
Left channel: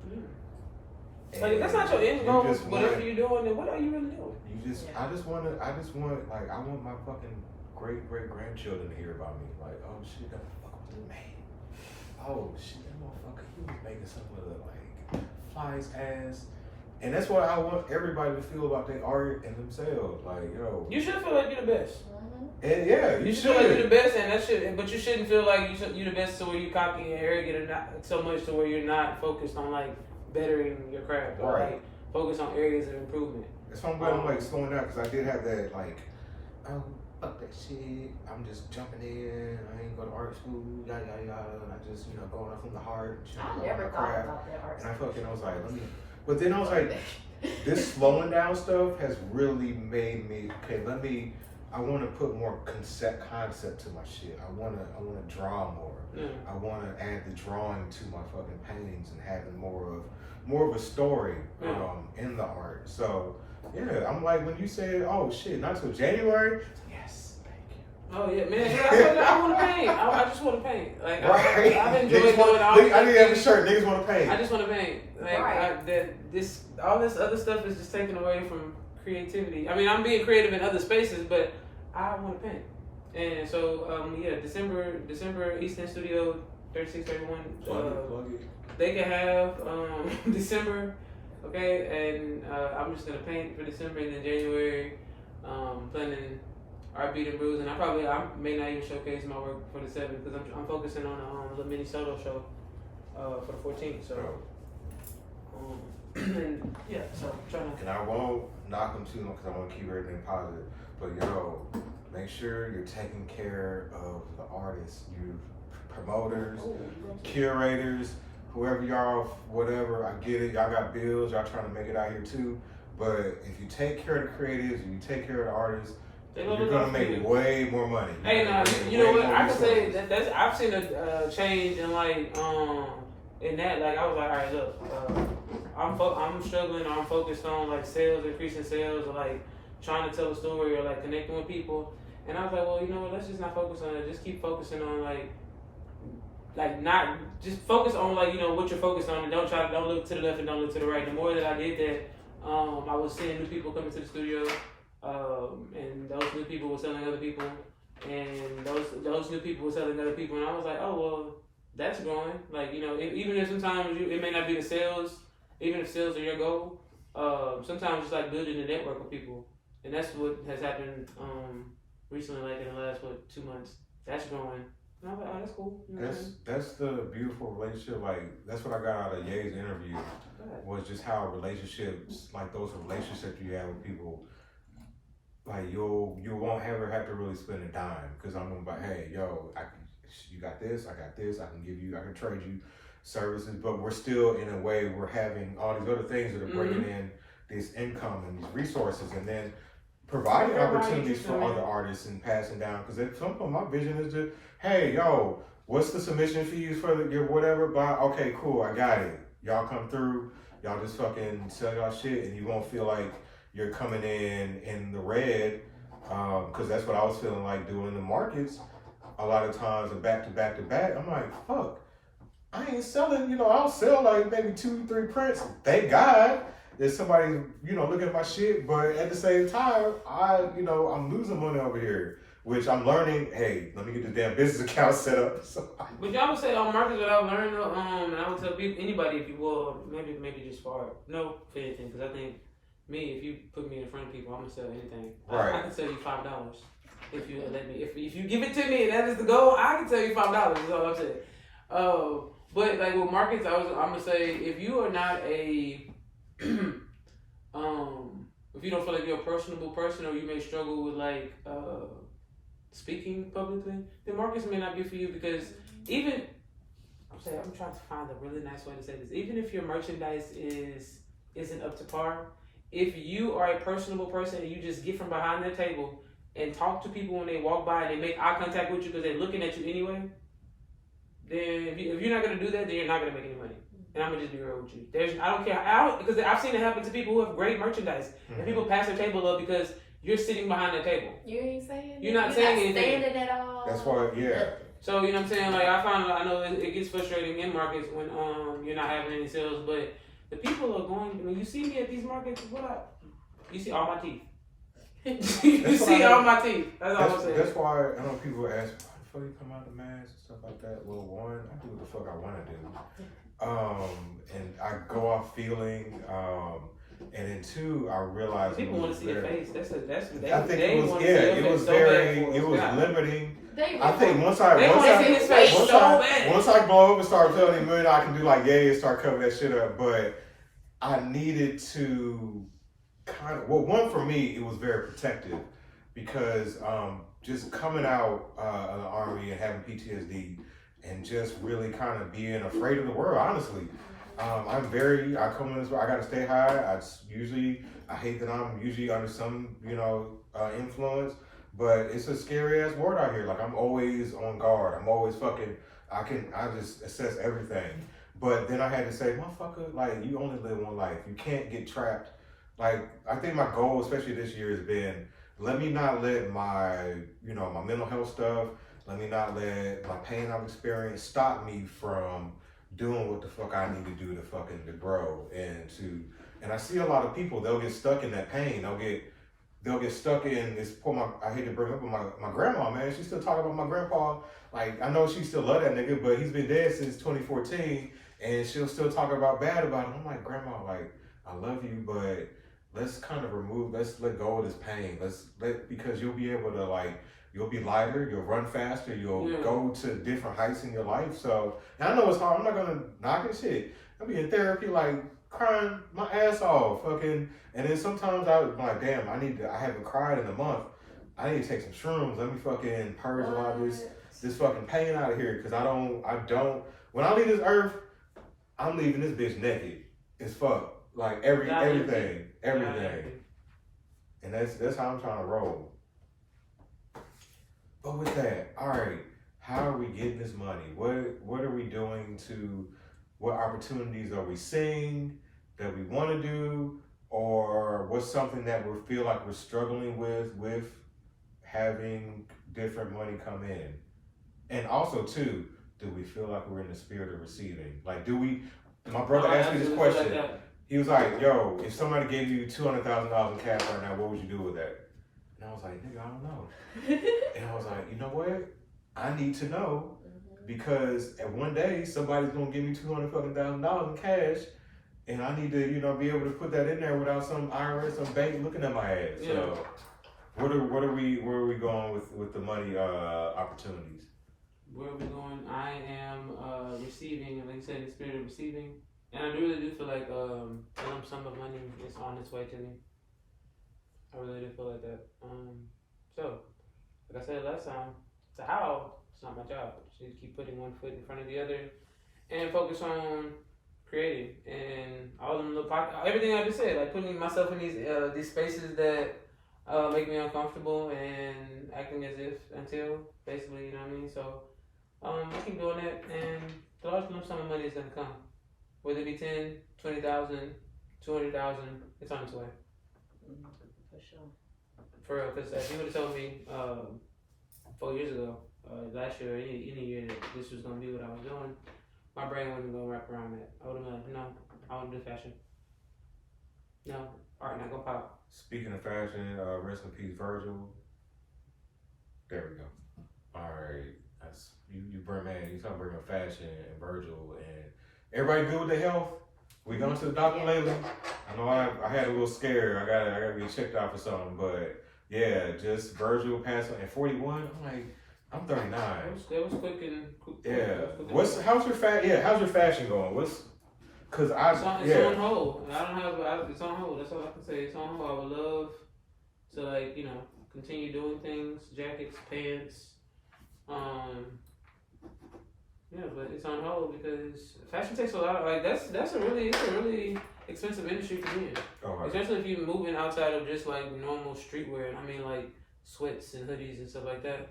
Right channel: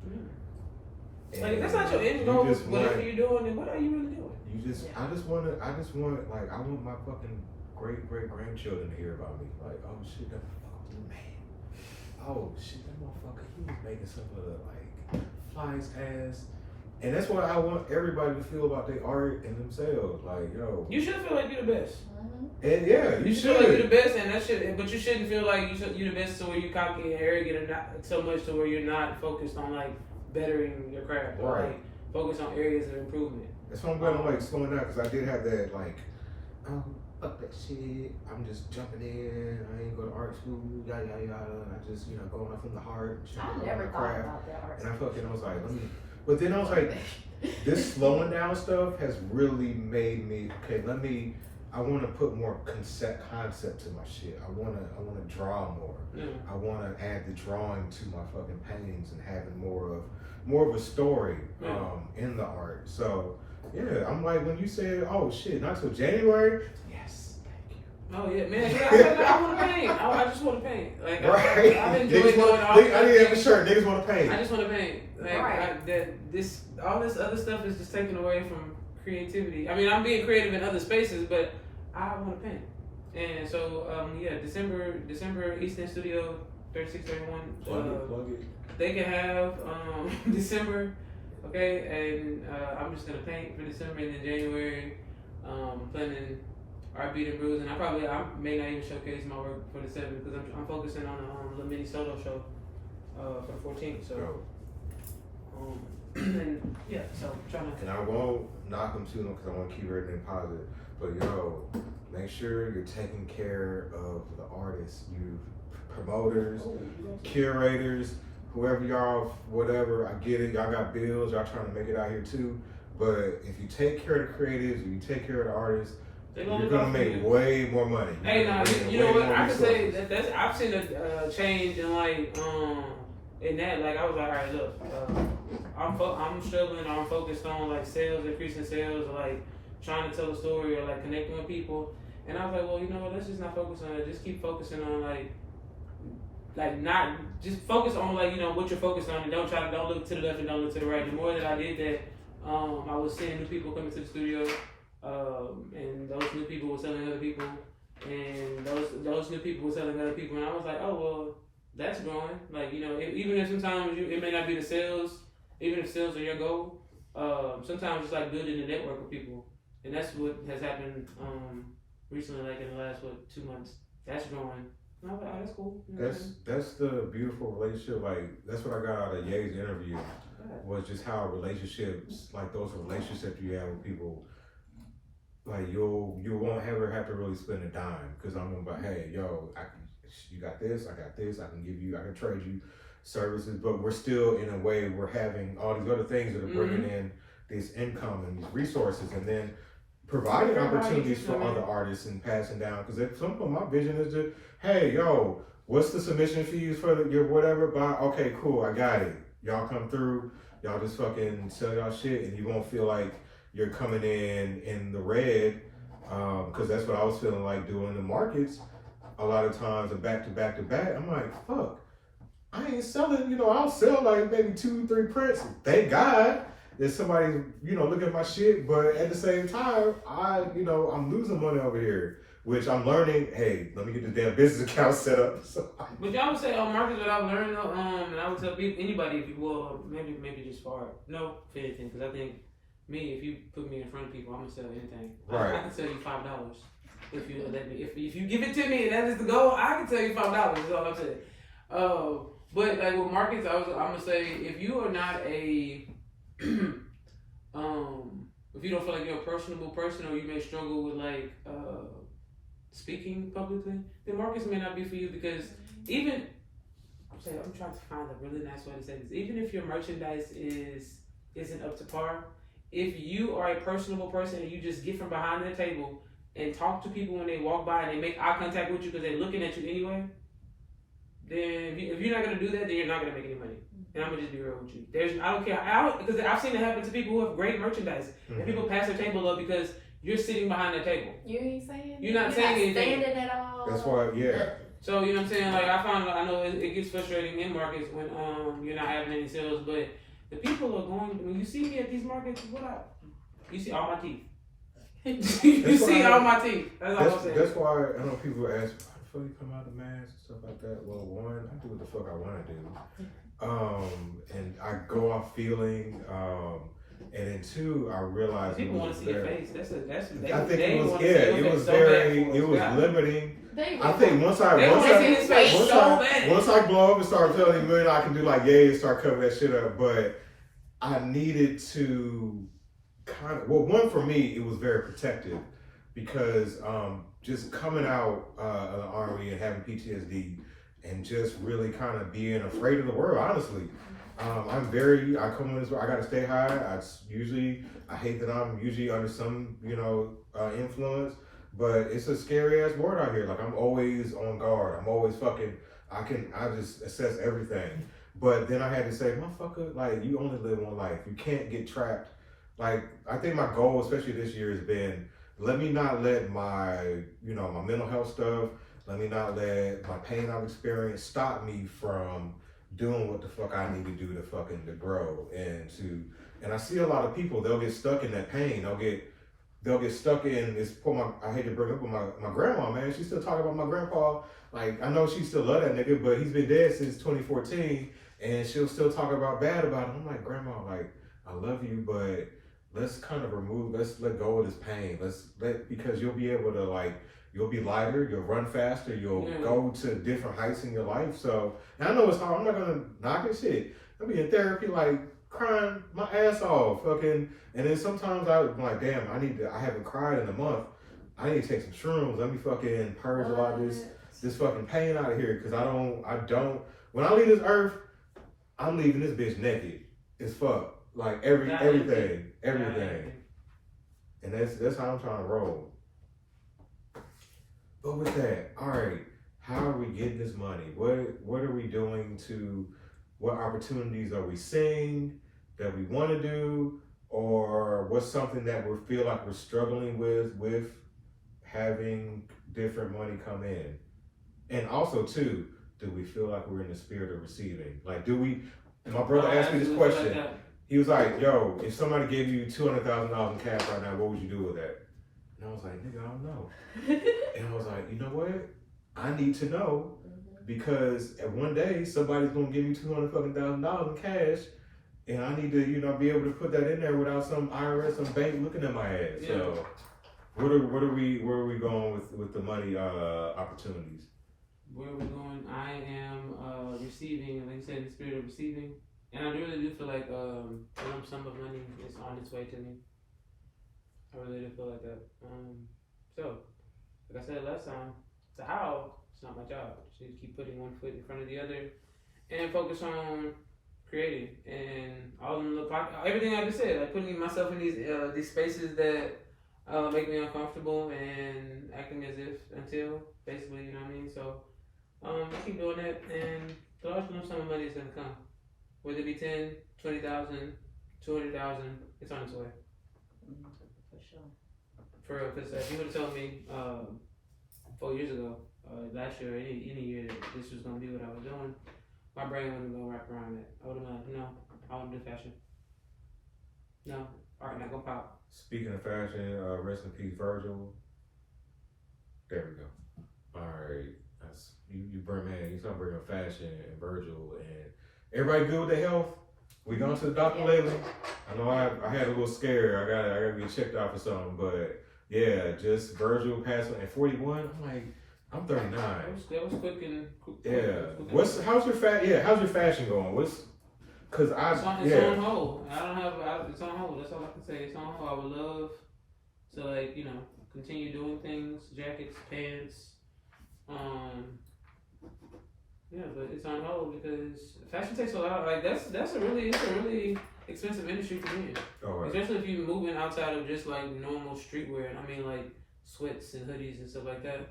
Like if that's not your end goal, whatever you're doing, then what are you really doing? I just want like I want my fucking great grandchildren to hear about me. Like, oh shit, that motherfucker was the man. Oh shit, that motherfucker, he was making some of the like flyest ass. And that's what I want everybody to feel about their art and themselves. Like, yo, you should feel like you're the best. And yeah, you should. Feel like you're the best, and that should. But you shouldn't feel like you're the best, so where you cocky and arrogant, or not so much to where you're not focused on like bettering your craft, or right? Like focus on areas of improvement. That's why I'm glad I'm like slowing down, because I did have that like, fuck that shit. I'm just jumping in. I ain't go to art school, yada yada yada, and I just going off from the heart. I never thought about that art. And I was like, let me. But then I was like, this slowing down stuff has really made me okay. I want to put more concept to my shit. I want to draw more. I want to add the drawing to my fucking paintings and having more of a story in the art. So yeah, I'm like, when you said, oh shit, not till January. Yes, thank you. Oh yeah, man. I want to paint. I just want to paint. Like right. I've enjoyed doing all I need to have a shirt. Niggas want to paint. I just want to paint. Like right. All this other stuff is just taken away from creativity. I mean, I'm being creative in other spaces, but I want to paint. And so December Eastern Studio 3631. Plug it. They can have December, okay, and I'm just gonna paint for December, and then January, planning Art Beat and Brews, and I may not even showcase my work for the 7th because I'm focusing on a little mini solo show for the 14th. So. And yeah, so I'm trying to. And I won't knock them too long because I want to keep everything positive. But yo, make sure you're taking care of the artists, you promoters, curators, whoever y'all, whatever. I get it, y'all got bills, y'all trying to make it out here too. But if you take care of the creatives and you take care of the artists, you're gonna make way more money. Hey, no, you know what? I can say that's I've seen a change in like in that. Like I was like, all right, look. I'm struggling. I'm focused on like sales, increasing sales, or like trying to tell a story or like connecting with people. And I was like, well, you know what? Let's just not focus on it. Just keep focusing on like not just focus on like what you're focused on, and don't look to the left and don't look to the right. The more that I did that, I was seeing new people coming to the studio, and those new people were selling other people, and those new people were selling other people, and I was like, oh well, that's growing. Like even if sometimes it may not be the sales. Even if sales are your goal, sometimes it's like building a network of people, and that's what has happened recently, like in the last 2 months. That's growing. And I was like, oh, that's cool. That's the beautiful relationship. Like that's what I got out of Ye's interview was just how relationships, like those relationships you have with people, like you won't ever have to really spend a dime because I'm gonna be, hey, yo, you got this, I got this, I can trade you services, but we're still in a way we're having all these other things that are bringing in this income and these resources, and then providing opportunities for other artists and passing down. Because at some point, my vision is just, hey, yo, what's the submission fees for your whatever? Okay, cool, I got it. Y'all come through, y'all just fucking sell y'all shit, and you won't feel like you're coming in the red. Because that's what I was feeling like doing the markets. A lot of times, back to back to back, I'm like, fuck. I ain't selling, I'll sell like maybe 2-3 prints. Thank God there's somebody, looking at my shit. But at the same time, I'm losing money over here, which I'm learning. Hey, let me get the damn business account set up. So, but y'all would say on markets that I've learned, and I would tell anybody if you will, maybe just for anything, because I think if you put me in front of people, I'm gonna sell anything. Right. I can sell you $5 if you let me. If you give it to me, and that is the goal. I can tell you $5. Is all I'm saying. But like with markets, I'm gonna say if you are not if you don't feel like you're a personable person, or you may struggle with like speaking publicly, then markets may not be for you, because I'm trying to find a really nice way to say this. Even if your merchandise isn't up to par, if you are a personable person and you just get from behind their table and talk to people when they walk by and they make eye contact with you because they're looking at you anyway, then if you're not gonna do that, then you're not gonna make any money. And I'm gonna just be real with you. I don't care. Because I've seen it happen to people who have great merchandise, and people pass their table up because you're sitting behind the table. You ain't saying. You're not saying anything. Standing at all. That's why, yeah. So you know what I'm saying? Like I know it gets frustrating in markets when you're not having any sales, but the people are going. When you see me at these markets, you see all my teeth. you see all my teeth. That's all I'm saying. That's why I know people ask, why the fuck you come out of the mask and stuff like that. Well, one, I do what the fuck I want to do, and I go off feeling. And then two, I realized people want to see your face. That's I think it was limiting. I think once I blow up and start telling him I can do like and start covering that shit up, but I needed to one for me, it was very protective because just coming out of the Army and having PTSD and just really kind of being afraid of the world, honestly. I come in this way, I gotta stay high. I hate that I'm usually under some, influence, but it's a scary ass world out here. Like I'm always on guard. I'm always I just assess everything. But then I had to say, motherfucker, like you only live one life. You can't get trapped. Like I think my goal, especially this year, has been, let me not let my, my mental health stuff, let me not let my pain I've experienced stop me from doing what the fuck I need to do to grow and I see a lot of people, they'll get stuck in that pain. They'll get stuck in this I hate to bring up my grandma, man. She's still talking about my grandpa. Like I know she still love that nigga, but he's been dead since 2014 and she'll still talk bad about him. I'm like, grandma, like I love you, but let's let go of this pain. Because you'll be able to you'll be lighter, you'll run faster, you'll go to different heights in your life. So, and I know it's hard. I'm not gonna knock it shit. I'll be in therapy, crying my ass off, and then sometimes I'm like, damn, I haven't cried in a month. I need to take some shrooms. Let me purge a lot of this fucking pain out of here. Cause I don't, when I leave this earth, I'm leaving this bitch naked as fuck. Like everything. And that's how I'm trying to roll. But with that, all right, how are we getting this money? What are we doing what opportunities are we seeing that we want to do? Or what's something that we feel like we're struggling with having different money come in? And also too, do we feel like we're in the spirit of receiving? Like my brother asked me this question. He was like, yo, if somebody gave you $200,000 in cash right now, what would you do with that? And I was like, nigga, I don't know. And I was like, you know what? I need to know because at one day somebody's gonna give me $200,000 in cash, and I need to, be able to put that in there without some IRS, some bank looking at my ass. Yeah. So, where are we going with the money opportunities? Where are we going? I am receiving, like I said, the spirit of receiving, and I really do feel like the lump sum of money is on its way to me. I really do feel like that. So, like I said last time, to how, it's not my job. Just keep putting one foot in front of the other and focus on creating and all them little everything I just said, like putting myself in these spaces that make me uncomfortable and acting as if until basically, you know what I mean? So, I keep doing that and the large lump sum of money is going to come. Whether it be 10, 20,000, 200,000, it's on its way. For sure. For real, because if you would have told me 4 years ago, last year, any year that this was going to be what I was doing, my brain wouldn't go wrap around that. I would have been like, no, I wouldn't do fashion. No, art not going to pop. Speaking of fashion, rest in peace, Virgil. There we go. All right. You bring, man, you talking bring up fashion and Virgil and everybody good with their health? We gone to the doctor lately? I know I had a little scare. I gotta get checked out for something, but yeah, just Virgil passed at 41. I'm like, I'm 39. That was quick and quick. Yeah. How's your fashion going? It's on hold. It's on hold. That's all I can say. It's on hold. I would love to continue doing things, jackets, pants. But it's on hold because fashion takes a lot. Like it's a really expensive industry to be in. Right. Especially if you're moving outside of just like normal streetwear. I mean like sweats and hoodies and stuff like that.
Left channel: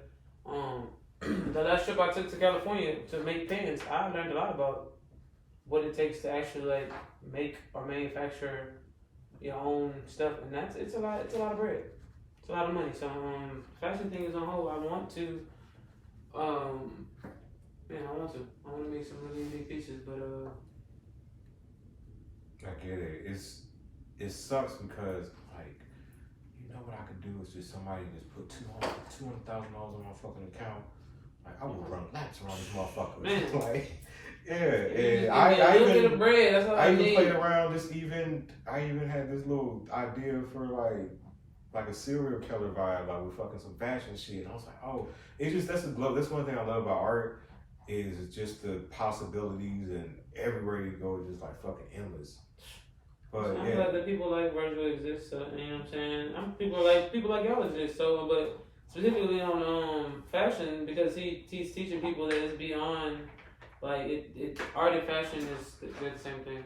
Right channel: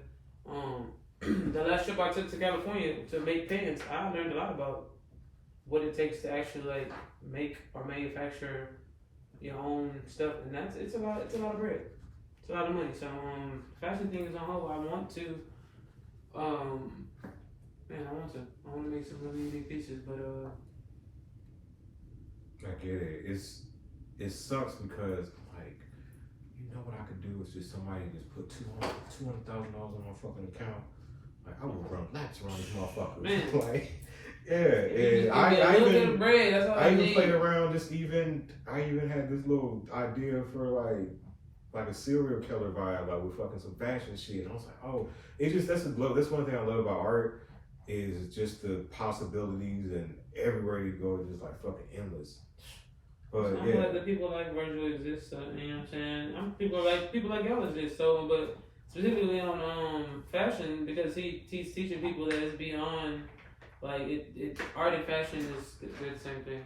The last trip I took to California to make pants, I learned a lot about what it takes to actually make or manufacture your own stuff, and it's a lot of bread. It's a lot of money. So fashion thing is on hold. I want to man, I want to make some really unique pieces, but I get it. It sucks because like you know what I could do is just somebody just put $200,000 on my fucking account. Like I would run laps around these motherfuckers. Man. Like yeah, you I little bit even of bread. That's all I even need. played around I even had this little idea for like a serial killer vibe, like with fucking some fashion shit. And I was like, oh, it's just that's one thing I love about art is just the possibilities and everywhere you go, it's just like fucking endless. But I feel like the people like Virgil exist, so, you know what I'm saying? People like y'all exist, so but specifically on fashion because he's teaching people that it's beyond like it art and fashion they're the same thing.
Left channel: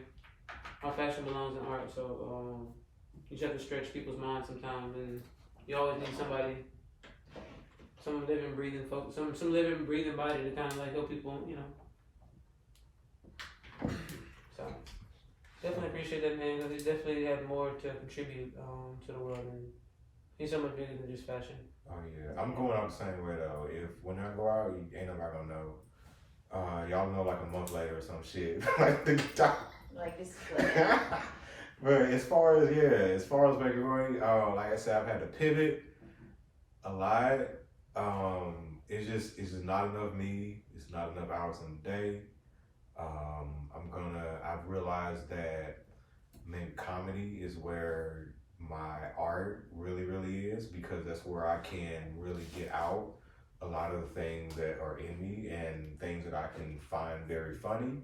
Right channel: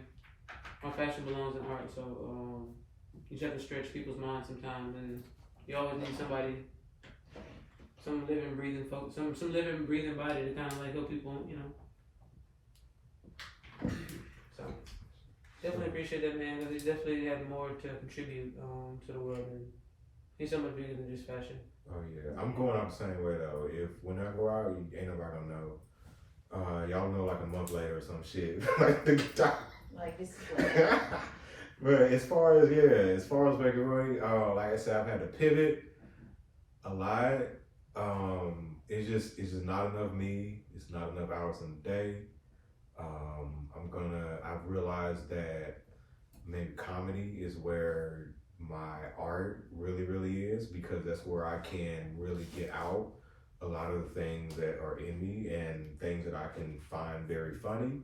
Our fashion belongs in art, so you just have to stretch people's minds sometimes, and you always need somebody, some living, breathing folks, some living, breathing body to kind of like help people, you know. So definitely appreciate that man because he definitely had more to contribute to the world, and he's so much bigger than just fashion. oh yeah, I'm going out the same way though. When I go out, ain't nobody gonna know. Y'all know like a month later or some shit. Like the Like this is like, But as far as McElroy, like I said, I've had to pivot a lot. It's just not enough me. It's not enough hours in the day. I've realized that maybe comedy is where my art really, really is because that's where I can really get out a lot of the things that are in me and things that I can find very funny.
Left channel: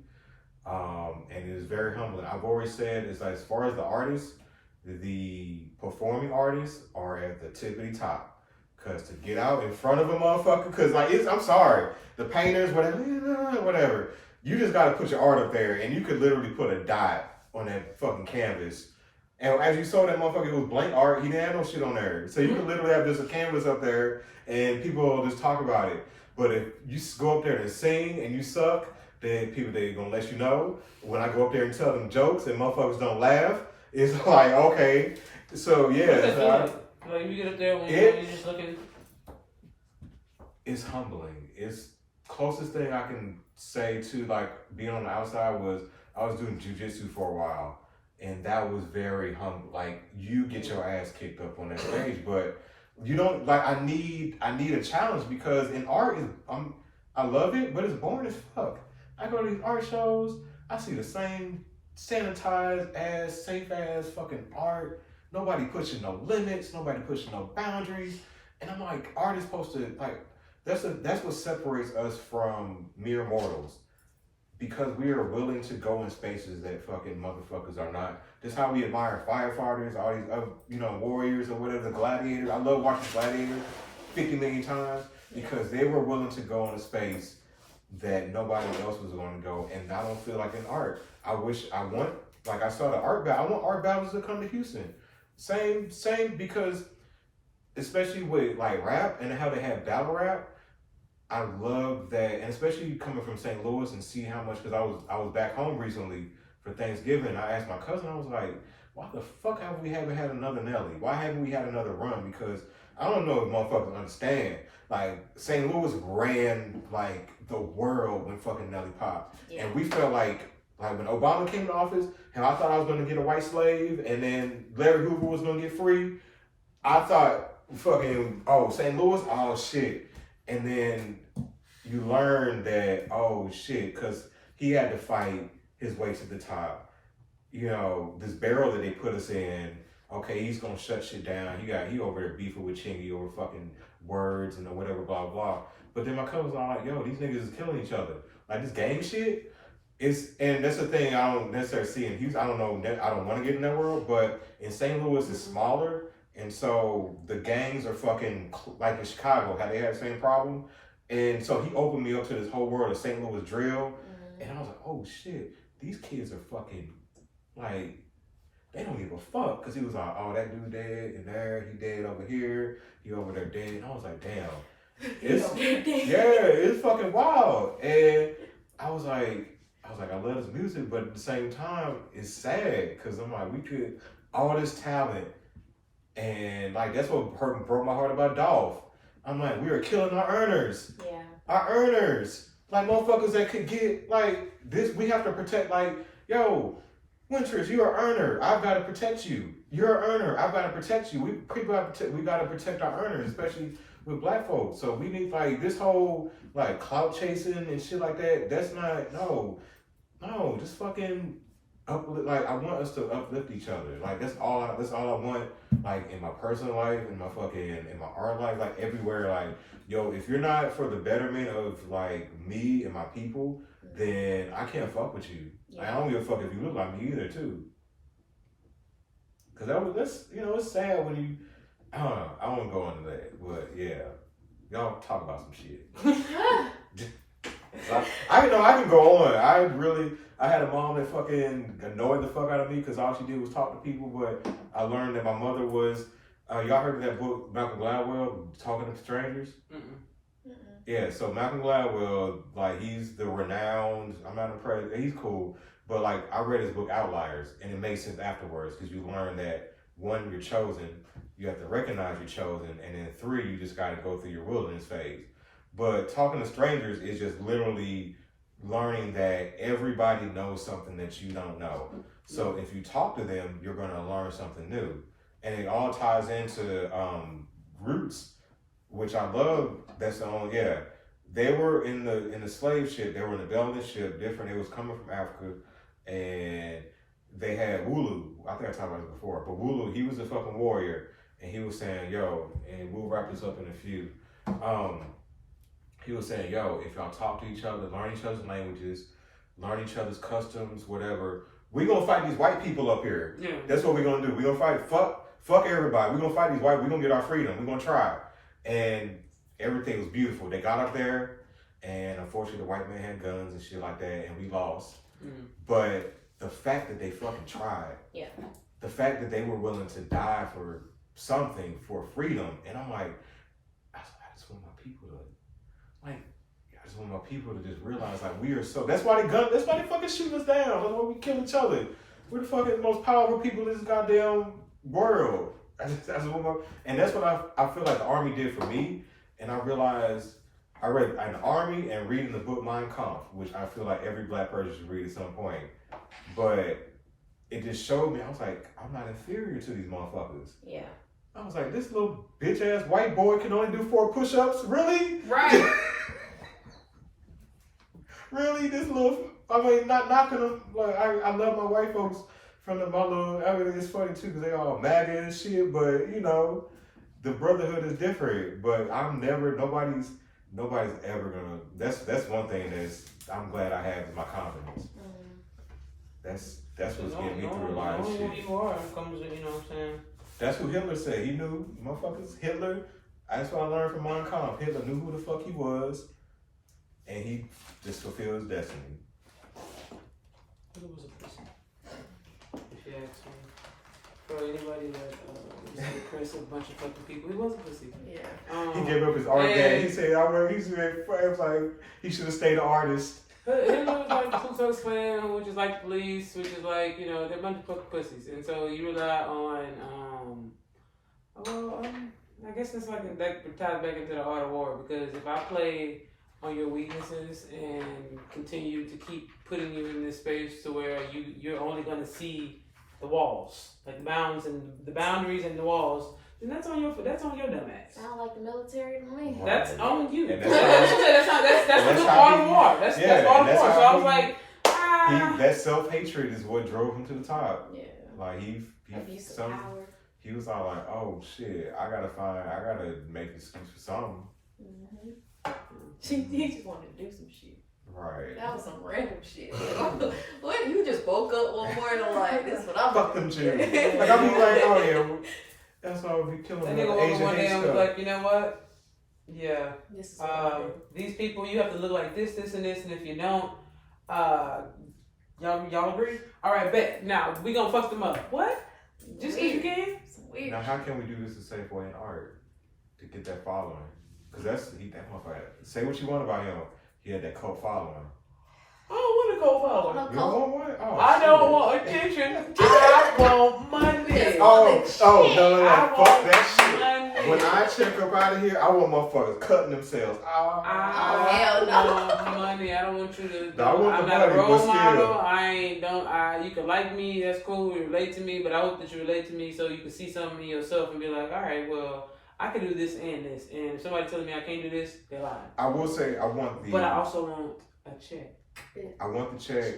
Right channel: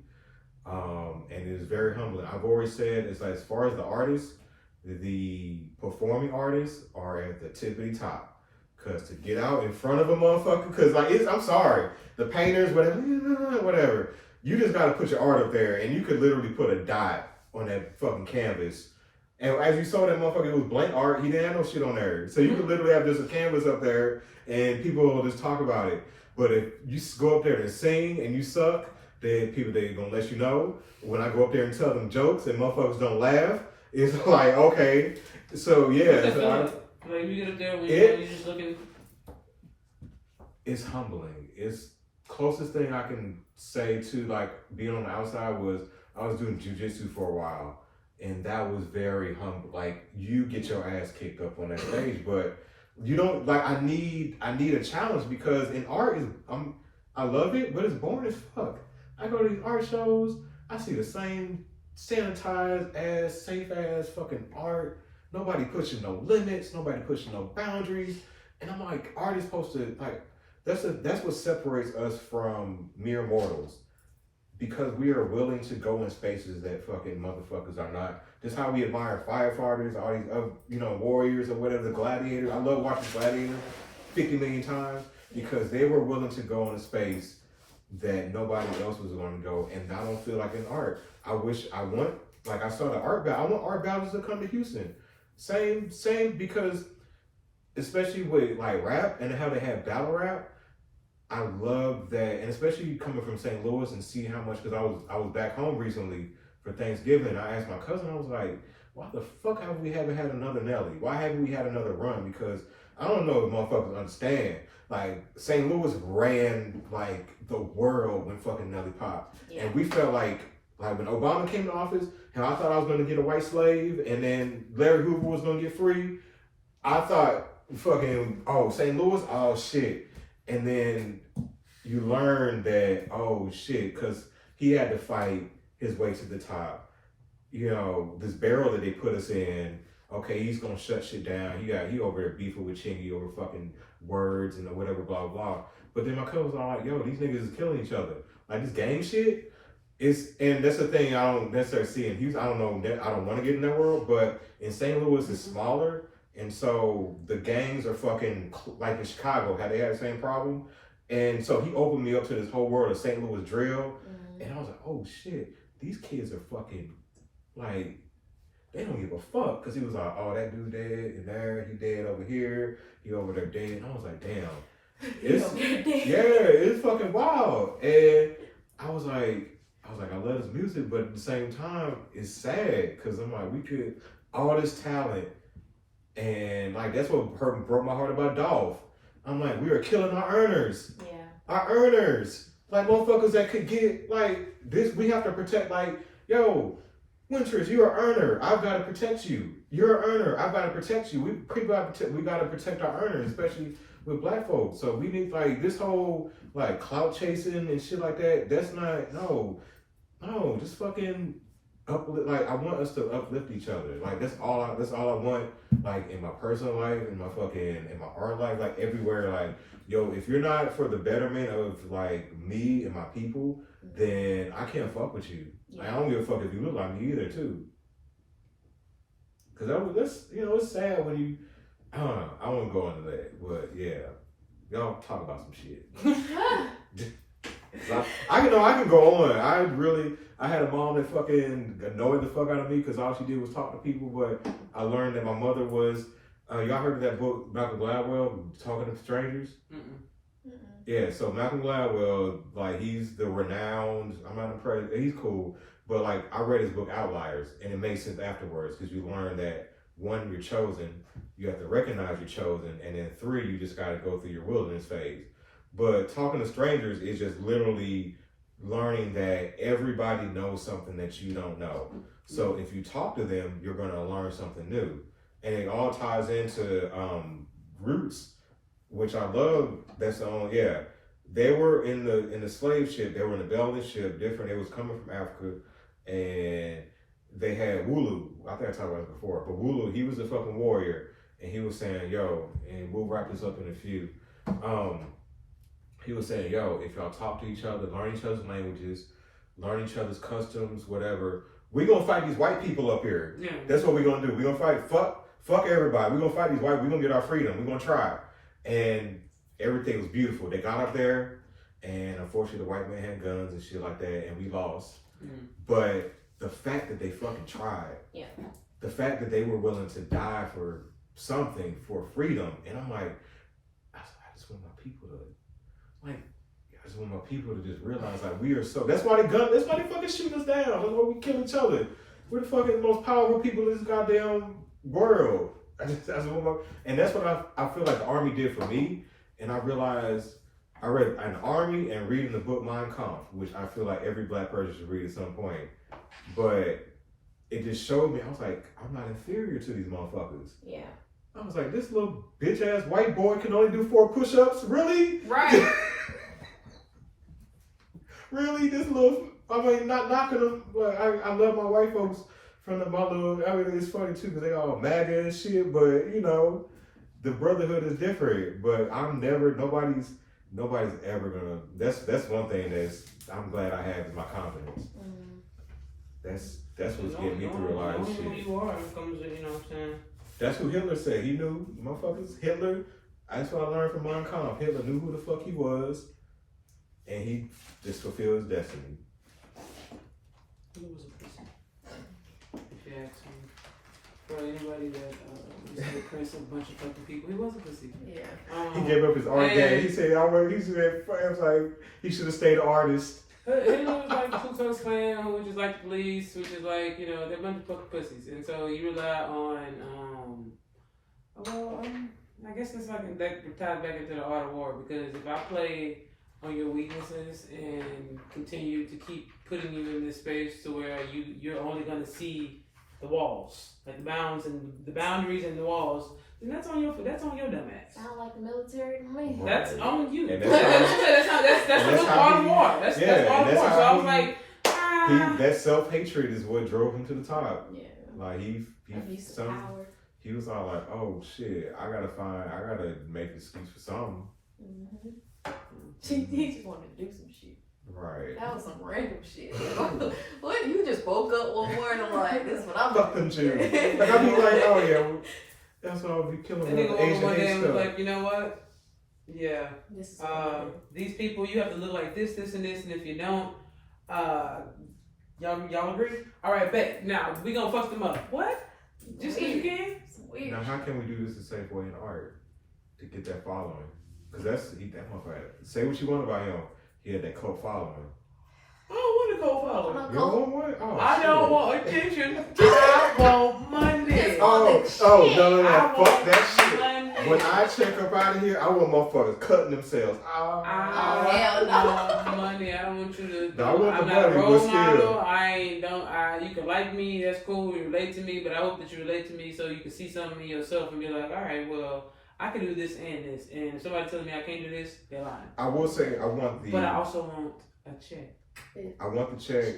And it is very humbling. I've always said it's like as far as the artists, the performing artists are at the tippity top. Cause to get out in front of a motherfucker, cause like I'm sorry, the painters, whatever, you just gotta put your art up there and you could literally put a dot on that fucking canvas. And as you saw that motherfucker, it was blank art, he didn't have no shit on there. So you could literally have just a canvas up there and people will just talk about it. But if you go up there and sing and you suck, then people they gonna let you know. When I go up there and tell them jokes and motherfuckers don't laugh, it's like, okay. So yeah. Like you get up there when you're just looking. It's humbling. It's closest thing I can say to like being on the outside was I was doing jujitsu for a while. And that was very humble. Like you get your ass kicked up on that stage, but you don't like. I need a challenge because in art I love it, but it's boring as fuck. I go to these art shows, I see the same sanitized ass, safe ass fucking art. Nobody pushing no limits, nobody pushing no boundaries, and I'm like, art is supposed to like. That's what separates us from mere mortals. Because we are willing to go in spaces that fucking motherfuckers are not. That's how we admire firefighters, all these other, warriors or whatever, the gladiators. I love watching Gladiator 50 million times because they were willing to go in a space that nobody else was going to go. And I don't feel like in art. I saw the art battle. I want art battles to come to Houston. Same, because especially with like rap and how they have battle rap, I love that, and especially coming from St. Louis and see how much, because I was back home recently for Thanksgiving. I asked my cousin, I was like, why the fuck haven't we had another Nelly? Why haven't we had another run? Because I don't know if motherfuckers understand. Like, St. Louis ran like the world when fucking Nelly popped. Yeah. And we felt like when Obama came to office, how I thought I was going to get a white slave and then Larry Hoover was going to get free. I thought fucking, St. Louis, oh shit. And then you learn that, oh shit, because he had to fight his way to the top. This barrel that they put us in, okay, he's gonna shut shit down. He over there beefing with Chingy over fucking words and whatever, blah, blah. But then my cousins are like, yo, these niggas is killing each other. Like this gang shit and that's the thing I don't necessarily see in Houston. I don't know, I don't want to get in that world, but in St. Louis it's smaller. And so the gangs are fucking, like in Chicago, how they had the same problem. And so he opened me up to this whole world of St. Louis drill. Mm-hmm. And I was like, oh shit, these kids are fucking, like, they don't give a fuck. Because he was like, oh, that dude dead in there, he dead over here, he over there dead. And I was like, damn. It's fucking wild. And I was like, I love his music, but at the same time, it's sad. Because I'm like, all this talent, And like that's what broke my heart about Dolph. I'm like, we are killing our earners. Yeah. Our earners. Like motherfuckers that could get like this, we have to protect like, yo, Wyntress, you're an earner. I've got to protect you. You're an earner. I've got to protect you. We got to protect our earners, especially with black folks. So we need like this whole like clout chasing and shit like that. That's not no, just fucking uplift. Like I want us to uplift each other. Like that's all I want. Like in my personal life, in my art life, like everywhere. Like yo, if you're not for the betterment of like me and my people, then I can't fuck with you. Yeah. I don't give a fuck if you look like me either, too. Cause that's it's sad when you, I don't know, I won't go into that, but yeah, y'all talk about some shit. I know I can go on. I had a mom that fucking annoyed the fuck out of me because all she did was talk to people. But I learned that my mother was. Y'all heard of that book, Malcolm Gladwell, Talking to Strangers? Mm-mm. Yeah, so Malcolm Gladwell, like he's the renowned. I'm not impressed. He's cool, but like I read his book Outliers, and it makes sense afterwards because you learn that one, you're chosen. You have to recognize you're chosen, and then 3, you just got to go through your wilderness phase. But Talking to Strangers is just literally learning that everybody knows something that you don't know. So if you talk to them, you're going to learn something new. And it all ties into Roots, which I love. That's the only, they were in the slave ship. They were in the Belgian ship, different. It was coming from Africa, and they had Wulu. I think I talked about this before, but Wulu, he was a fucking warrior, and he was saying, yo, and we'll wrap this up in a few. He was saying, yo, if y'all talk to each other, learn each other's languages, learn each other's customs, whatever, we gonna fight these white people up here. Yeah. That's what we're gonna do. We're gonna fight. Fuck everybody. We're gonna fight these white. We're gonna get our freedom. We're gonna try. And everything was beautiful. They got up there, and unfortunately, the white man had guns and shit like that, and we lost. Mm. But the fact that they fucking tried, the fact that they were willing to die for something, for freedom, and I'm like, I just want my people to, like, I just want my people to just realize, like, we are so. That's why they fucking shoot us down. That's why we kill each other. We're the fucking most powerful people in this goddamn world. And that's what I feel like the Army did for me. And I realized I read an Army and reading the book Mein Kampf, which I feel like every black person should read at some point. But it just showed me, I was like, I'm not inferior to these motherfuckers. Yeah. I was like, this little bitch ass white boy can only do 4 push-ups? Really? Right. Really? This little, I mean, not knocking them. Like, I love my white folks from my little, everything is funny too, because they all MAGA and shit, but you know, the brotherhood is different. But I'm never, nobody's ever gonna, that's one thing I'm glad I have is my confidence. That's what's getting me through a lot of shit. You know what I'm saying? That's what Hitler said. He knew, motherfuckers, Hitler, that's what I learned from Mein Kampf. Hitler knew who the fuck he was, and he just fulfilled his destiny. He was a pussy. If you ask me. For anybody that cursed a bunch of fucking people, he was a pussy. Yeah. He gave up his art game. He said, it was like, he should have stayed an artist. Hitler was like the Ku Klux Klan, which is like the police, which is like, you know, they're a bunch of fucking pussies. And so you rely on, I guess it's like that ties back into the art of war, because if I play on your weaknesses and continue to keep putting you in this space to where you're only going to see the walls, like the boundaries and the walls, then that's on your dumb ass. Sound like the military to me. That's on you. That's the art of war. That's art of war. So I was like, that self-hatred is what drove him to the top. Yeah. Like he was all like, oh shit, I gotta make an excuse for something. Mm-hmm. He just wanted to do some shit. Right. That was some random shit. What? You just woke up one morning like, this is what I'm fuck them Jews. Like I mean, like, oh yeah, that's why I'll be killing with the Asian hate stuff. Like, you know what? Yeah. These people, you have to look like this, and this, and if you don't, y'all agree? All right, bet. Now we gonna fuck them up. What? Just because you can? Weird. Now how can we do this the same way in art to get that following? Because that motherfucker. Say what you want about him. He had that cult following. I don't want a co-father. You don't want one? Oh, I don't want attention. I want money. Oh, no. I Fuck want that shit. money. When I check up out of here, I want motherfuckers cutting themselves. hell no. I want money. I don't want you to. I want I'm the not a money, role but still. model. You can like me. That's cool. You relate to me, but I hope that you relate to me so you can see something in yourself and be like, all right, well, I can do this and this. And if somebody tells me I can't do this, they're lying. I will say I want the. But I also want a check. I want the check.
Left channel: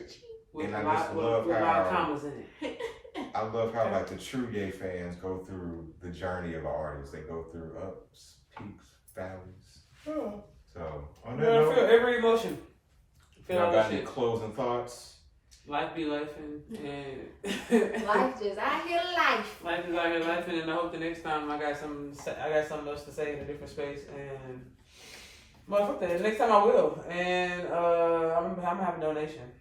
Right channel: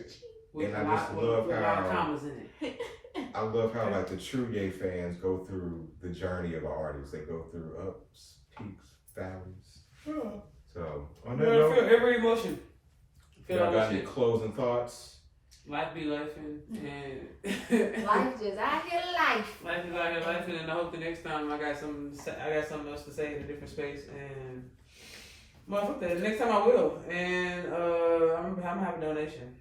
With And a I lot, just love with a lot of how- commas in it. I love how like the true Ye fans go through the journey of an artist. They go through ups, peaks, valleys. So on that Girl, note, feel every emotion. Feel y'all all got that any shit. closing thoughts? Life be life and Life just out here life. life is out here life, and I hope the next time I got something else to say in a different space. And motherfucker, the next time I will. And I'm gonna have a donation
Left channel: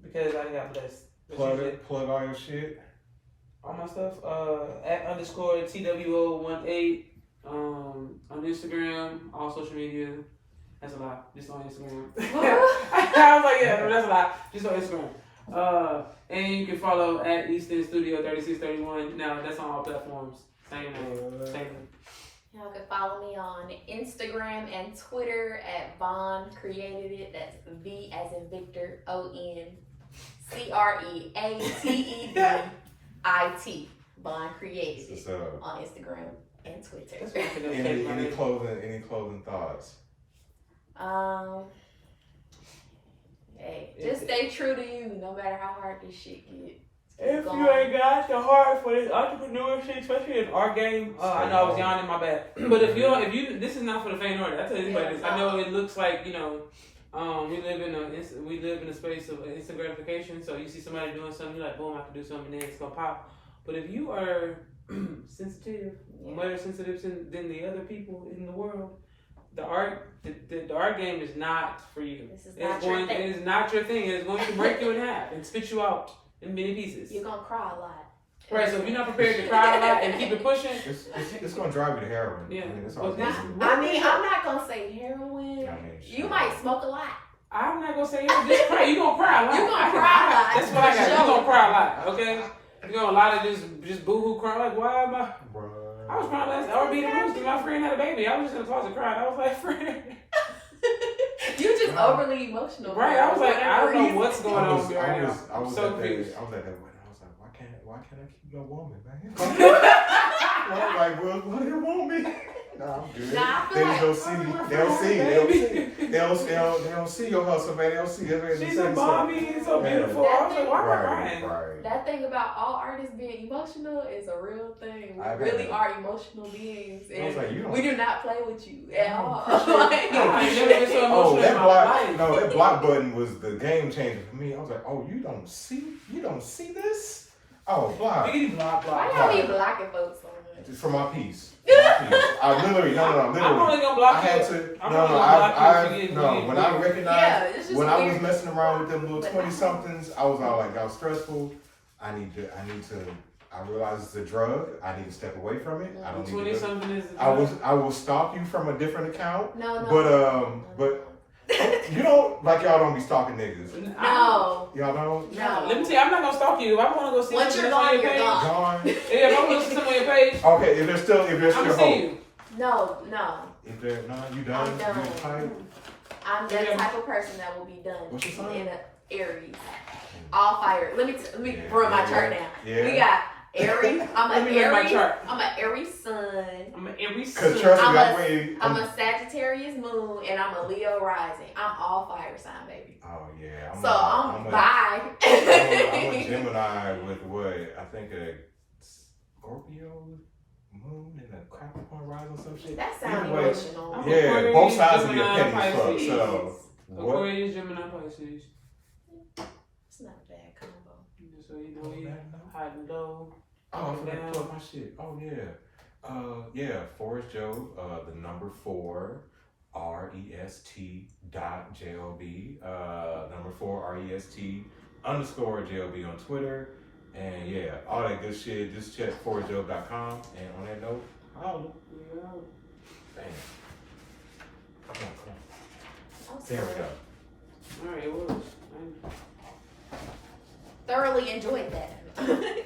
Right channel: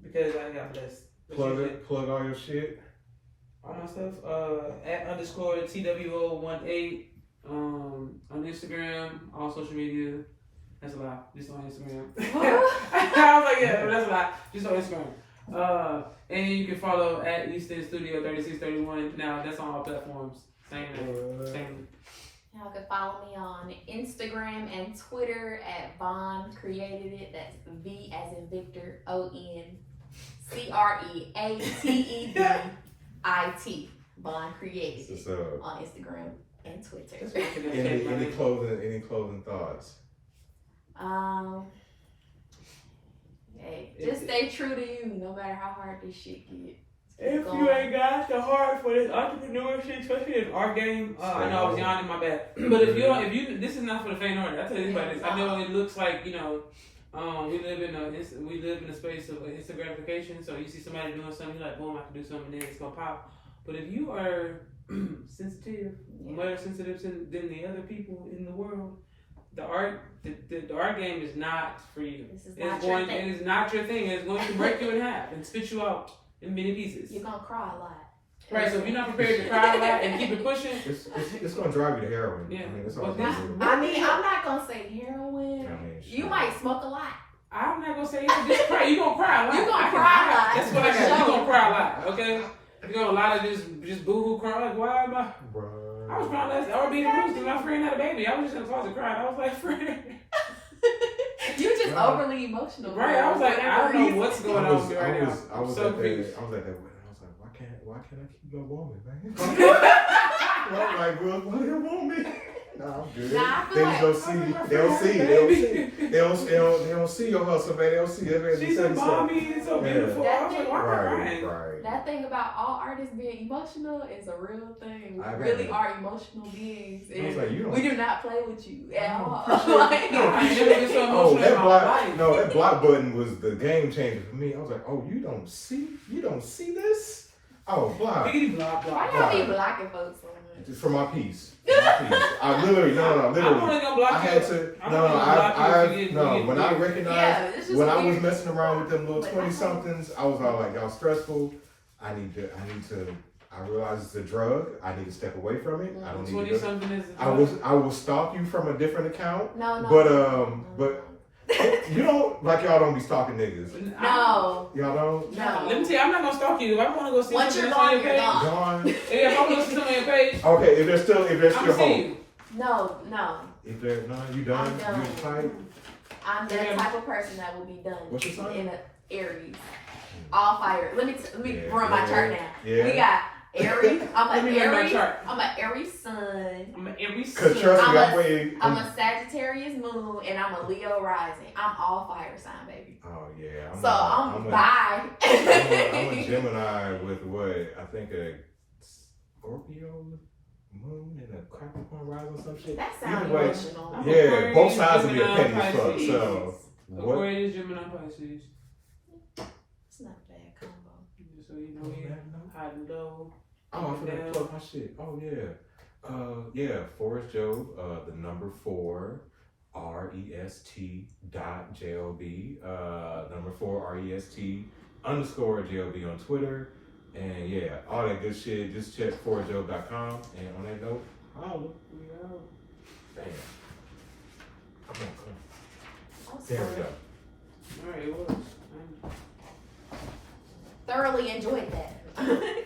because I got blessed. Plug all your shit. All my stuff. @_TWO18 on Instagram, all social media. That's a lie. Just on Instagram. I was like, yeah, no, that's a lie. Just on Instagram. And you can follow @Easton Studio 3631. Now that's on all platforms. Same name. Y'all can follow me on Instagram and Twitter @Von Created It. That's V as in Victor, ONCREATEDIT. Von Created It on Instagram and Twitter. Any closing thoughts? Hey, just stay true to you, no matter how hard this shit gets. If you ain't got the heart for this entrepreneurship, especially in our game, I know I was yawning, my bad. But if you, this is not for the faint-hearted. I tell anybody this. I know it looks like we live in a space of instant gratification. So you see somebody doing something, you're like, boom, I can do something, and then it's gonna pop. But if you are sensitive, more sensitive than the other people in the world, the art game is not for you. This is not your thing. It is not your thing. It's going to break you in half and spit you out in many pieces. You're gonna cry a lot. Right, so if you're not prepared to cry a lot and keep it pushing, it's gonna drive you to heroin. Yeah. I mean, that's all. I mean, I'm not gonna say heroin. You might smoke a lot. I'm not gonna say just cry. You're gonna cry a lot. You're gonna cry a lot. That's what I got. You're gonna cry a lot, okay? You're gonna a lot of just boo-hoo crying. Like, why am I? Bruh. I was crying last night. I was being the rooster. My friend had a baby. I was just in the closet crying. I was like, friend. You just overly emotional. Right, I was like, I don't know what's going on with me right now. I was so at that confused. wedding. I was like, why can't I keep no woman, man? I'm like, well, why do you want me? Nah, I'm good. Nah, I They feel just like- don't see me. They don't see your hustle, man. They don't see it. She said, mommy, it's so beautiful. I was like, why am I crying? Right. That thing about all artists being emotional is a real thing. We I bet. really are emotional beings. I was like, you don't. We do not play with you at all. I never been so Oh, emotional in that my block! life. No, that block button was the game changer for me. I was like, oh, you don't see this? Oh, block. Big block. Why y'all be blocking folks so much? Just for my piece. I literally, no, I'm only gonna block I had you. to, I'm no, only gonna block you if you get- when I recognized, Yeah, it's just when I was weird. messing around with them little 20-somethings, I was all like, y'all stressful. I realize it's a drug. I need to step away from it. I don't need to. 20-something is. I will stalk you from a different account. No. But you don't, like y'all don't be stalking niggas. No. Y'all don't? No. Let me tell you, I'm not gonna stalk you. If I want to go see Once something you're on gone, your you're page, gone. Gone. if I want to see something on your page, Okay, if there's still I'm gonna see hope. you. No. If there, no, you done? I'm done. You tight? I'm the type of person that will be done. What's your sign? In a Aries. All fire. Let me Yeah, run my chart now. Yeah. We got Aries. I'm Let an me run my Aries. chart. I'm an Aries sun. I'm every Cause trust me, I'm I'm waiting. I'm a Sagittarius moon, and I'm a Leo rising. I'm all fire sign, baby. Oh yeah. I'm a bye. I'm a Gemini with what I think a Scorpio moon and a Capricorn rising or some shit. That sounds Either way, emotional. I'm yeah, Aquarius, both sides will be a Gemini, penny as fuck. Pisces. So what? Aquarius, Gemini, Pisces. It's not a bad combo. So you know, we high and low. Oh, I forgot to plug my shit. Oh yeah. Forrest Job, the number 4 REST.JOB, number 4 REST_JOB on Twitter. And yeah, all that good shit. Just check forrestjob.com. And on that note, holla. Damn. Come on. I'm There we sorry. go. All right, it was. thoroughly enjoyed that.